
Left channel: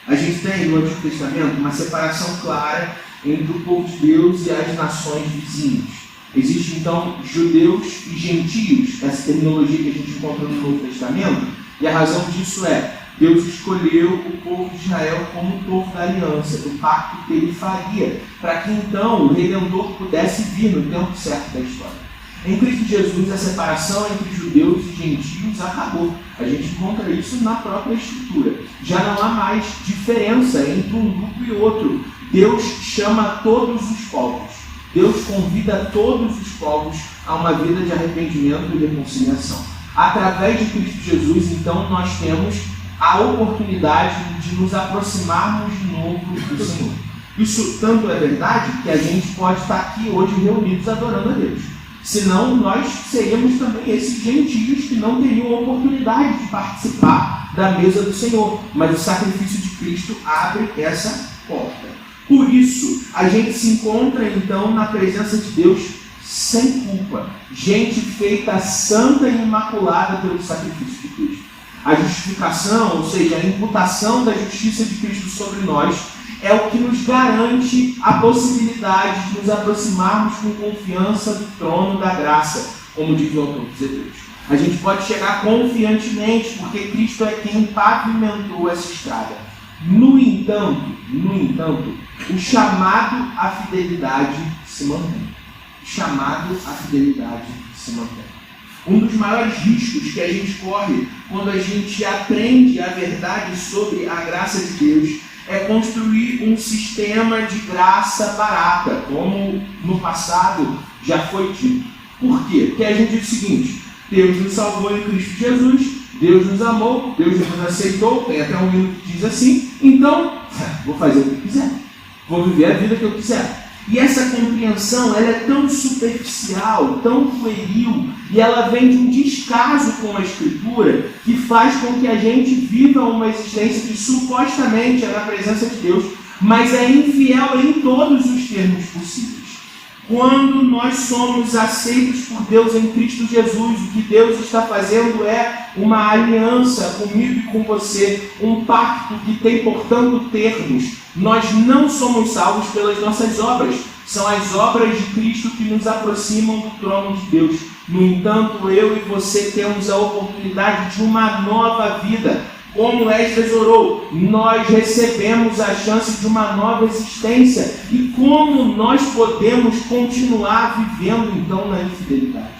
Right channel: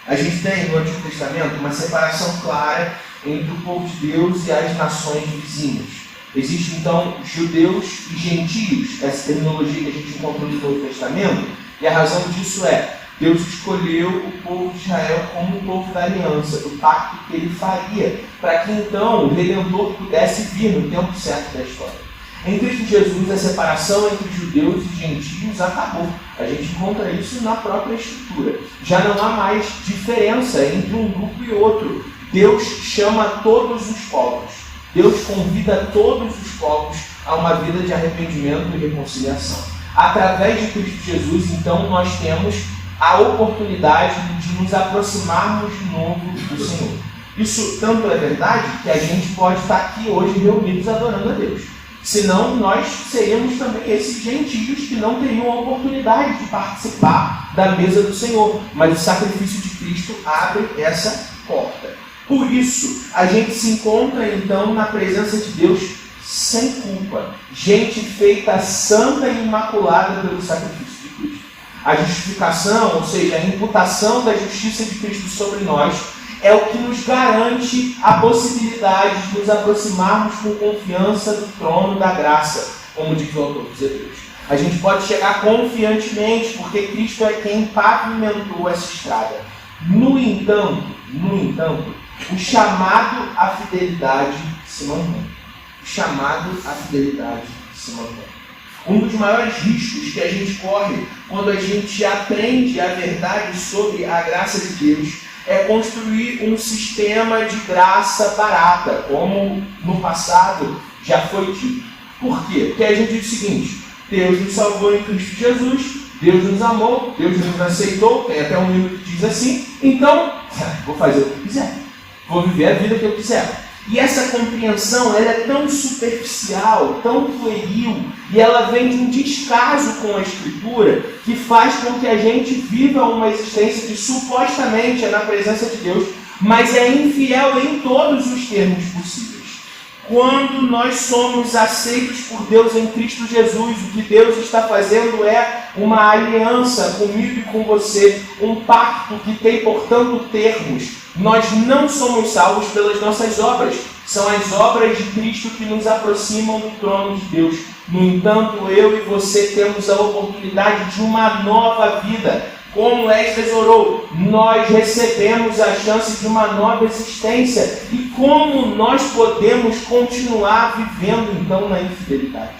A gente tem no Antigo Testamento uma separação clara entre o povo de Deus e as nações vizinhas. Existem então judeus e gentios, essa terminologia que a gente encontra no Novo Testamento, e a razão disso é: Deus escolheu o povo de Israel como o povo da aliança, do pacto que ele faria, para que então o Redentor pudesse vir no tempo certo da história. Em Cristo Jesus, a separação entre judeus e gentios acabou. A gente encontra isso na própria Escritura. Já não há mais diferença entre um grupo e outro. Deus chama todos os povos. Deus convida todos os povos a uma vida de arrependimento e reconciliação. Através de Cristo Jesus, então, nós temos a oportunidade de nos aproximarmos de novo do Senhor. Isso tanto é verdade que a gente pode estar aqui hoje reunidos adorando a Deus. Senão, nós seríamos também esses gentios que não teriam a oportunidade de participar da mesa do Senhor. Mas o sacrifício de Cristo abre essa porta. Por isso, a gente se encontra então na presença de Deus sem culpa. Gente feita santa e imaculada pelo sacrifício de Cristo. A justificação, ou seja, a imputação da justiça de Cristo sobre nós, é o que nos garante a possibilidade de nos aproximarmos com confiança do trono da graça, como diz o autor dos Hebreus. A gente pode chegar confiantemente, porque Cristo é quem pavimentou essa estrada. No entanto, o chamado à fidelidade se mantém. O chamado à fidelidade se mantém. Um dos maiores riscos que a gente corre quando a gente aprende a verdade sobre a graça de Deus é construir um sistema de graça barata, como no passado já foi dito. Por quê? Porque a gente diz o seguinte: Deus nos salvou em Cristo Jesus, Deus nos amou, Deus nos aceitou, tem até um livro que diz assim, então vou fazer o que eu quiser, vou viver a vida que eu quiser. E essa compreensão ela é tão superficial, tão pueril, e ela vem de um descaso com a Escritura que faz com que a gente viva uma existência que supostamente é na presença de Deus, mas é infiel em todos os termos possíveis. Quando nós somos aceitos por Deus em Cristo Jesus, o que Deus está fazendo é uma aliança comigo e com você, um pacto que tem, portanto, termos. Nós não somos salvos pelas nossas obras, são as obras de Cristo que nos aproximam do trono de Deus. No entanto, eu e você temos a oportunidade de uma nova vida. Como Esdras orou, nós recebemos a chance de uma nova existência. E como nós podemos continuar vivendo então na infidelidade?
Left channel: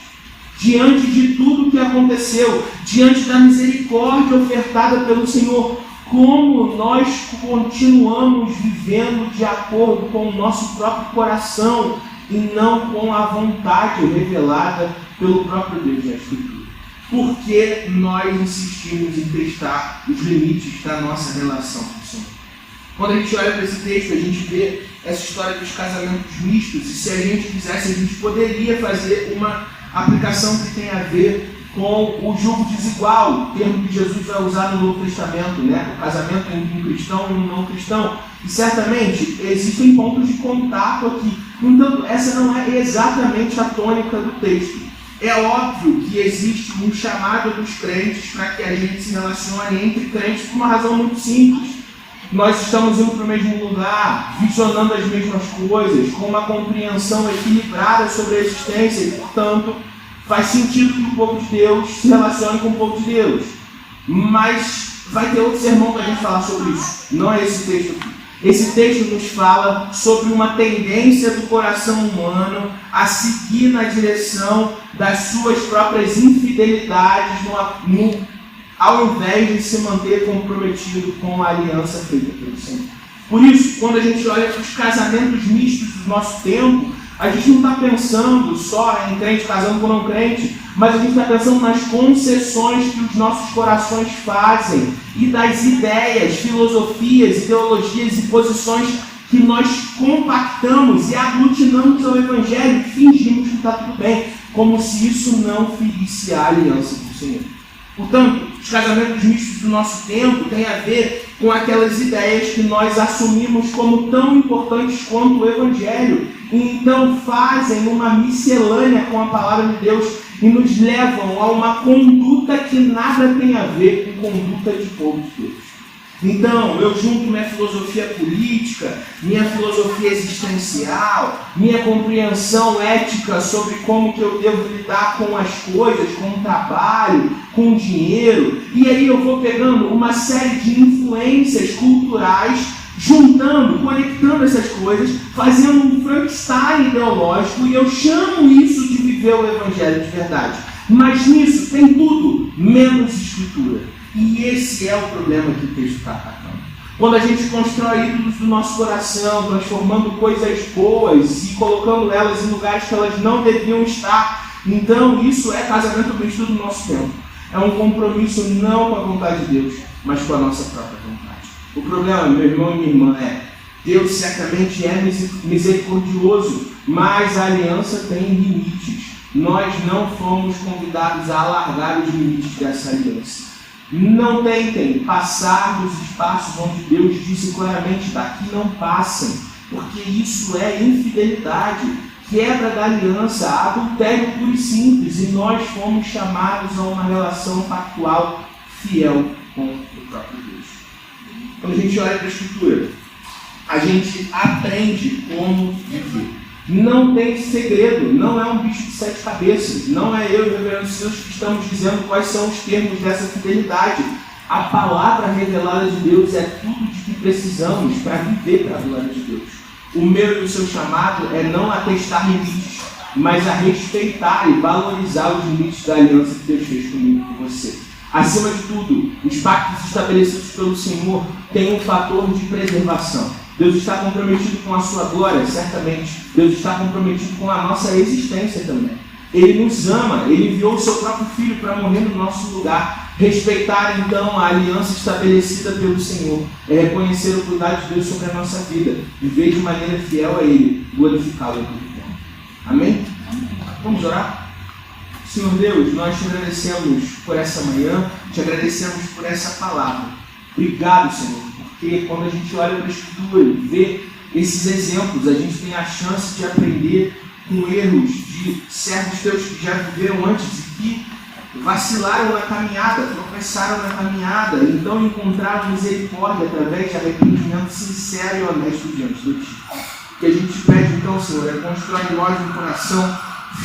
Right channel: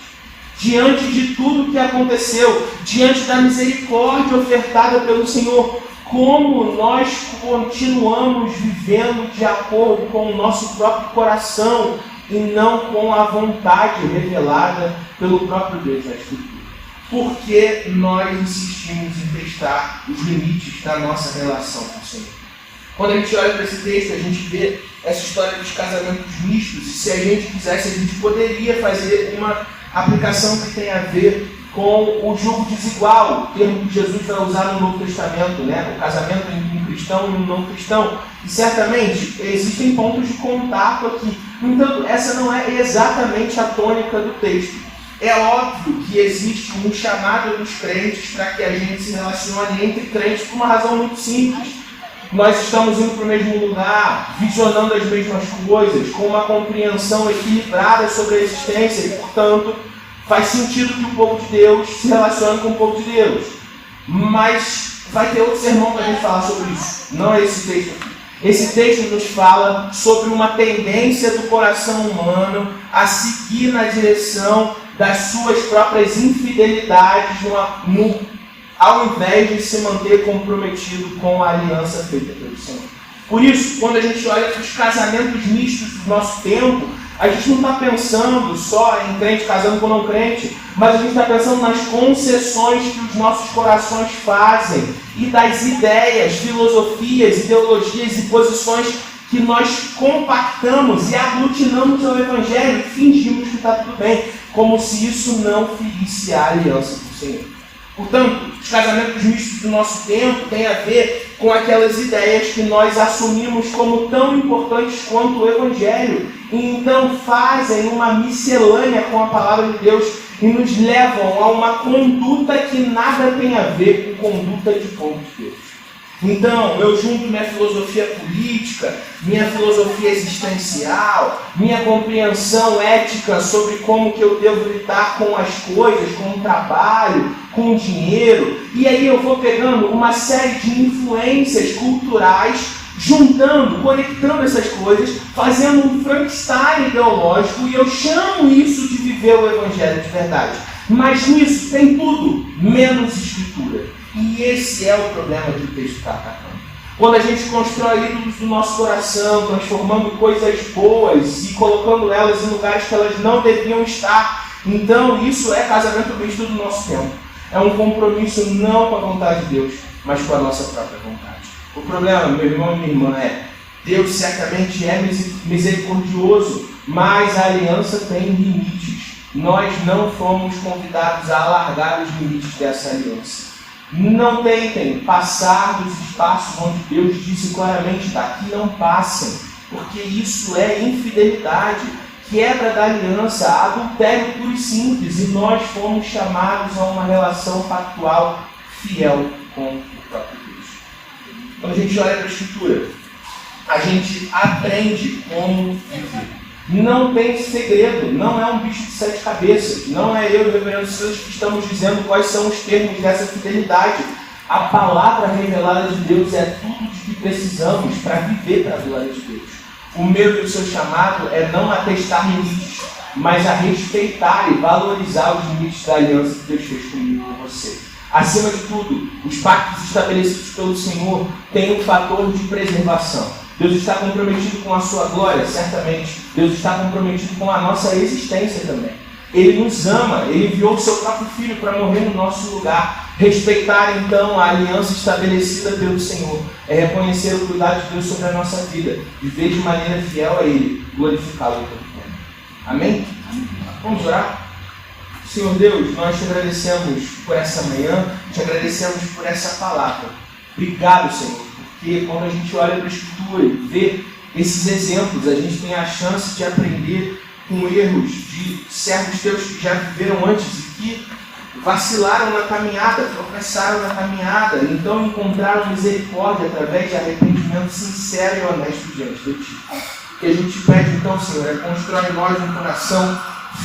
Diante de tudo que aconteceu, diante da misericórdia ofertada pelo Senhor, como nós continuamos vivendo de acordo com o nosso próprio coração e não com a vontade revelada pelo próprio Deus na Escritura? Porque nós insistimos em testar os limites da nossa relação com o Senhor. Quando a gente olha para esse texto, a gente vê essa história dos casamentos mistos, e se a gente quisesse, a gente poderia fazer uma aplicação que tem a ver com o julgo desigual, o termo que Jesus vai usar no Novo Testamento, né? O casamento entre um cristão e um não cristão. E certamente existem pontos de contato aqui. No entanto, essa não é exatamente a tônica do texto. É óbvio que existe um chamado dos crentes para que a gente se relacione entre crentes por uma razão muito simples. Nós estamos indo para o mesmo lugar, visionando as mesmas coisas, com uma compreensão equilibrada sobre a existência e, portanto, faz sentido que o povo de Deus se relacione com o povo de Deus. Mas vai ter outro sermão para a gente falar sobre isso. Não é esse texto aqui. Esse texto nos fala sobre uma tendência do coração humano a seguir na direção das suas próprias infidelidades, ao invés de se manter comprometido com a aliança feita pelo Senhor. Por isso, quando a gente olha para os casamentos mistos do nosso tempo, a gente não está pensando só em crente casando com não crente, mas a gente está pensando nas concessões que os nossos corações fazem e das ideias, filosofias, ideologias e posições que nós compactamos e aglutinamos ao Evangelho e fingimos que está tudo bem, como se isso não ferisse a aliança do Senhor. Portanto, os casamentos mistos do nosso tempo têm a ver com aquelas ideias que nós assumimos como tão importantes quanto o Evangelho, e então fazem uma miscelânea com a palavra de Deus e nos levam a uma conduta que nada tem a ver com conduta de povo de Deus. Então, eu junto minha filosofia política, minha filosofia existencial, minha compreensão ética sobre como que eu devo lidar com as coisas, com o trabalho, com o dinheiro, e aí eu vou pegando uma série de influências culturais, juntando, conectando essas coisas, fazendo um Frankenstein ideológico, e eu chamo isso de viver o Evangelho de verdade. Mas nisso tem tudo, menos escritura. E esse é o problema que o texto está atacando. Quando a gente constrói ídolos do nosso coração, transformando coisas boas e colocando elas em lugares que elas não deviam estar, então isso é casamento misto do nosso tempo. É um compromisso não com a vontade de Deus, mas com a nossa própria vontade. O problema, meu irmão e minha irmã, é Deus certamente é misericordioso, mas a aliança tem limites. Nós não fomos convidados a alargar os limites dessa aliança. Não tentem passar dos espaços onde Deus disse claramente, daqui não passem, porque isso é infidelidade, quebra da aliança, adultério puro e simples, e nós fomos chamados a uma relação pactual fiel com o próprio Deus. Quando a gente olha para a Escritura, a gente aprende como viver. Não tem segredo, não é um bicho de 7 cabeças, não é eu e o reverendo Silas que estamos dizendo quais são os termos dessa fidelidade. A palavra revelada de Deus é tudo de que precisamos para viver para a glória de Deus. O meu e o seu chamado é não atestar limites, mas a respeitar e valorizar os limites da aliança que Deus fez comigo e com você. Acima de tudo, os pactos estabelecidos pelo Senhor têm um fator de preservação. Deus está comprometido com a sua glória, certamente. Deus está comprometido com a nossa existência também. Ele nos ama, Ele enviou o seu próprio Filho para morrer no nosso lugar. Respeitar, então, a aliança estabelecida pelo Senhor é reconhecer o cuidado de Deus sobre a nossa vida, viver de maneira fiel a Ele, glorificá-lo em todo tempo. Amém? Vamos orar? Senhor Deus, nós te agradecemos por essa manhã, te agradecemos por essa palavra. Obrigado, Senhor. Porque quando a gente olha para a Escritura e vê esses exemplos, a gente tem a chance de aprender com erros de servos teus que já viveram antes e que vacilaram na caminhada, tropeçaram na caminhada, então encontraram misericórdia através de arrependimento sincero e honesto diante de Ti. O que a gente pede então, Senhor, é constrói em nós um coração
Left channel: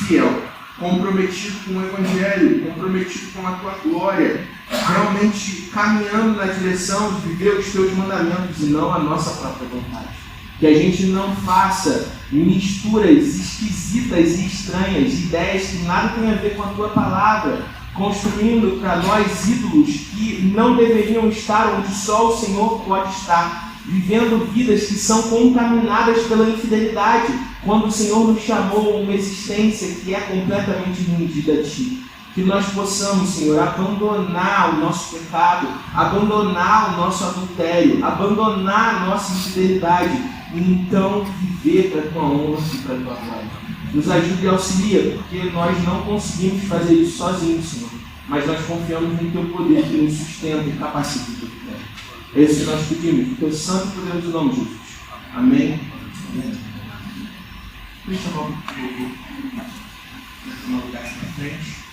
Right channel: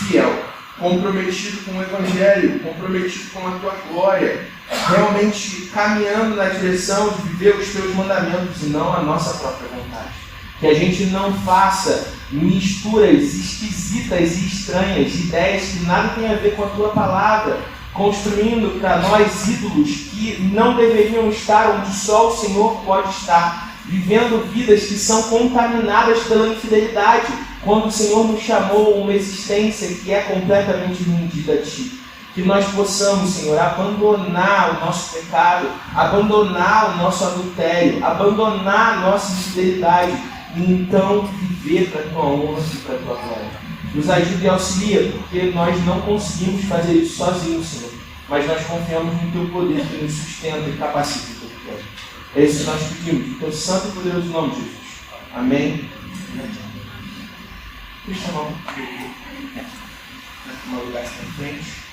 fiel, comprometido com o Evangelho, comprometido com a Tua glória, realmente caminhando na direção de viver os Teus mandamentos e não a nossa própria vontade. Que a gente não faça misturas esquisitas e estranhas, de ideias que nada tem a ver com a Tua palavra, construindo para nós ídolos que não deveriam estar onde só o Senhor pode estar, vivendo vidas que são contaminadas pela infidelidade, quando o Senhor nos chamou a uma existência que é completamente rendida a Ti. Que nós possamos, Senhor, abandonar o nosso pecado, abandonar o nosso adultério, abandonar a nossa infidelidade e então viver para a Tua honra e para a Tua glória. Nos ajude e auxilia, porque nós não conseguimos fazer isso sozinhos, Senhor, mas nós confiamos no Teu poder que nos sustenta e capacita em todo o tempo. É isso que nós pedimos, no Teu santo e poderoso nome, Jesus. Amém. Deixa eu chamar um lugar aqui na frente.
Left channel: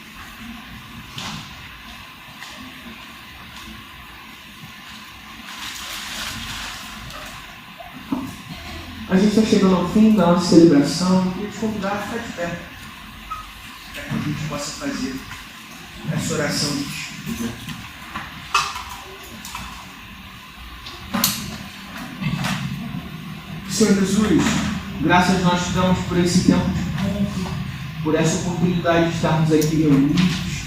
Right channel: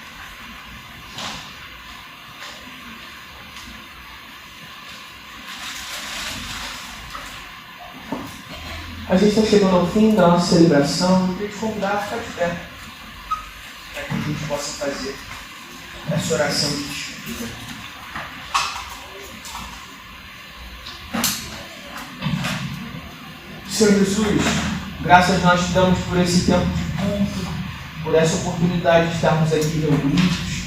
A gente está chegando ao fim da nossa celebração. Eu queria te convidar a ficar de pé, para que a gente possa fazer essa oração de despedida. Senhor Jesus, graças nós te damos por esse tempo de culto, por essa oportunidade de estarmos aqui reunidos,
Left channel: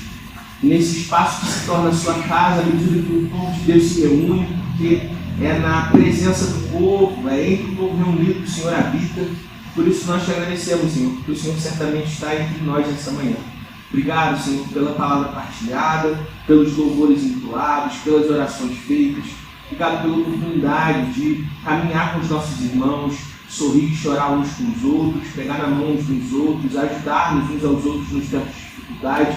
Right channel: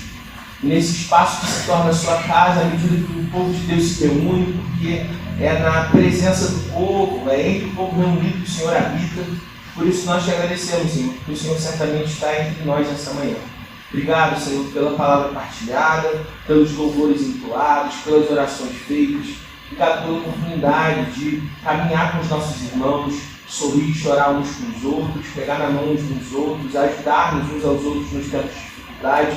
nesse espaço que se torna a sua casa, à medida que o povo de Deus se reúne, porque é na presença do povo, é entre o povo reunido que o Senhor habita. Por isso nós te agradecemos, Senhor, porque o Senhor certamente está entre nós nessa manhã. Obrigado, Senhor, pela palavra partilhada, pelos louvores entoados, pelas orações feitas. Obrigado pela oportunidade de caminhar com os nossos irmãos, sorrir e chorar uns com os outros, pegar na mão uns dos outros, ajudar-nos uns aos outros nos tempos de dificuldade.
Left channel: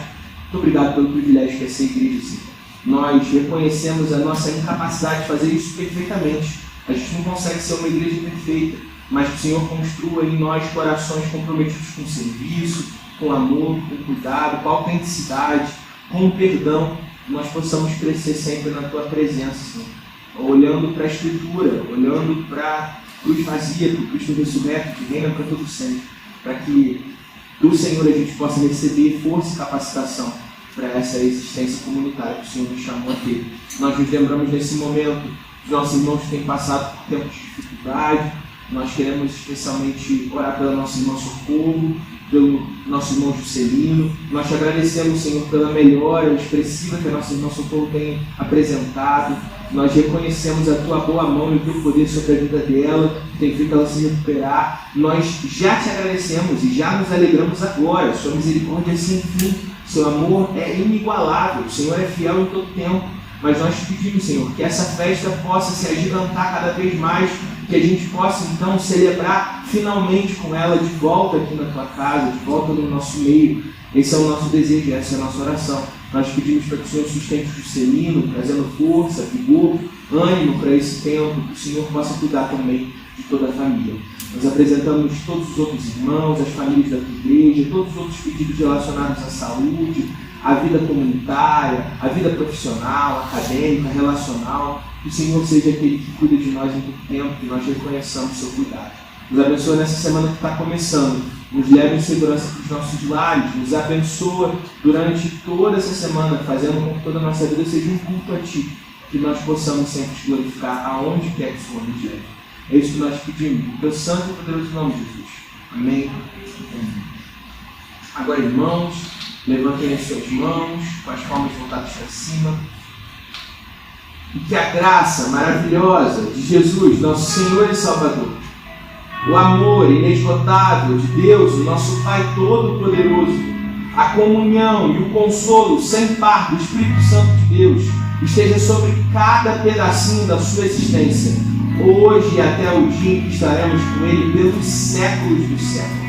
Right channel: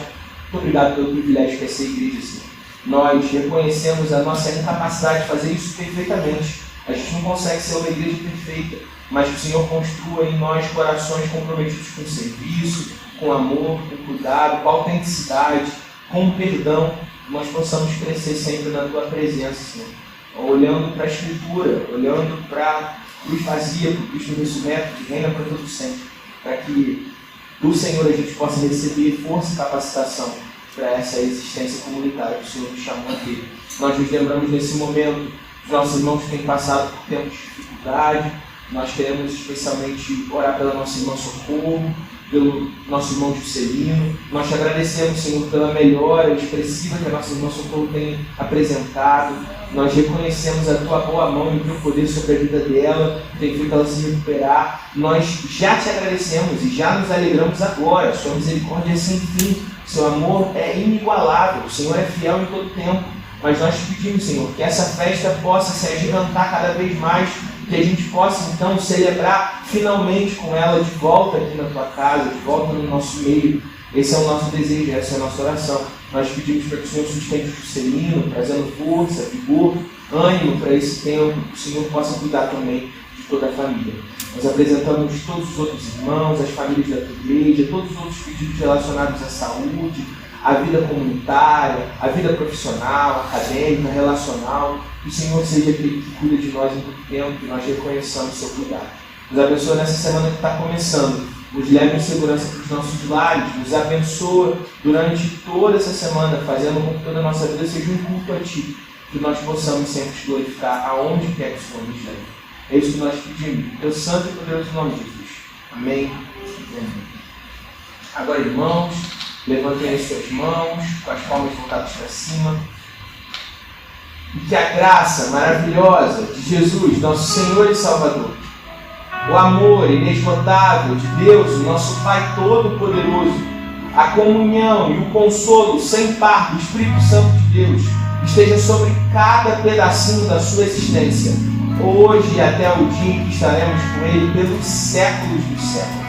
Muito obrigado pelo privilégio que é ser igreja, Senhor. Nós reconhecemos a nossa incapacidade de fazer isso perfeitamente. A gente não consegue ser uma igreja perfeita, mas que o Senhor construa em nós corações comprometidos com o serviço, com amor, com cuidado, com autenticidade, com perdão, nós possamos crescer sempre na Tua presença, Senhor. Olhando para a Escritura, olhando para a cruz vazia, para o Cristo ressurreto, que reina para todo sempre, para que do Senhor a gente possa receber força e capacitação para essa existência comunitária que o Senhor nos chamou a ter. Nós nos lembramos nesse momento dos nossos irmãos que têm passado por tempos de dificuldade. Nós queremos especialmente orar pela nossa irmã Socorro, pelo nosso irmão Juscelino. Nós te agradecemos, Senhor, pela melhora expressiva que a nossa irmã Socorro tem apresentado. Nós reconhecemos a Tua boa mão e o Teu poder sobre a vida dela, que tem feito ela se recuperar. Nós já te agradecemos e já nos alegramos agora. Sua misericórdia é sem fim, Seu amor é inigualável, o Senhor é fiel em todo tempo. Mas nós te pedimos, Senhor, que essa festa possa se agigantar cada vez mais, que a gente possa então celebrar finalmente com ela de volta aqui na Tua casa, de volta no nosso meio. Esse é o nosso desejo, essa é a nossa oração. Nós pedimos para que o Senhor sustente o Juscelino, trazendo força, vigor, ânimo para esse tempo, que o Senhor possa cuidar também de toda a família. Nós apresentamos todos os outros irmãos, as famílias da Tua igreja, todos os outros pedidos relacionados à saúde, à vida comunitária, à vida profissional, acadêmica, relacional. Que o Senhor seja aquele que cuida de nós em todo tempo, que nós reconheçamos o Seu cuidado. Nos abençoa nessa semana que está começando. Nos leve em segurança para os nossos lares. Nos abençoa durante toda essa semana, fazendo com que toda a nossa vida seja um culto a Ti. Que nós possamos sempre Te glorificar aonde quer que o Senhor nos leve. É isso que nós pedimos. Em Teu santo e poderoso nome, Jesus. Amém. Amém. Agora, irmãos, levantem as suas mãos, com as palmas voltadas para cima. E que a graça maravilhosa de Jesus, nosso Senhor e Salvador, o amor inesgotável de Deus, o nosso Pai Todo-Poderoso, a comunhão e o consolo sem par do Espírito Santo de Deus esteja sobre cada pedacinho da sua existência, hoje e até o dia em que estaremos com Ele pelos séculos dos séculos.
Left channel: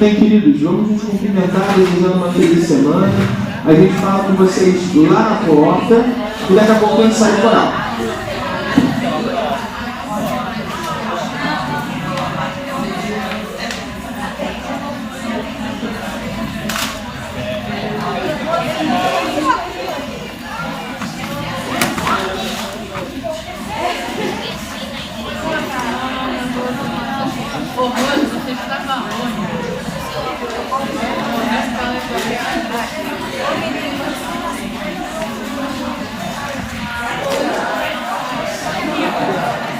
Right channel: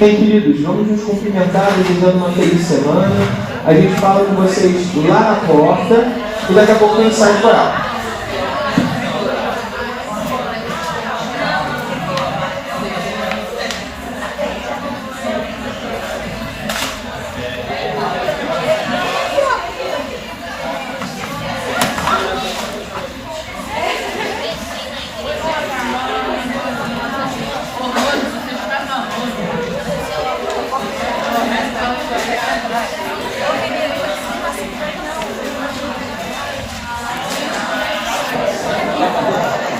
Bem, queridos, vamos nos cumprimentar, desejando uma feliz semana. A gente fala com vocês lá na porta e daqui a pouco a gente sai do coral.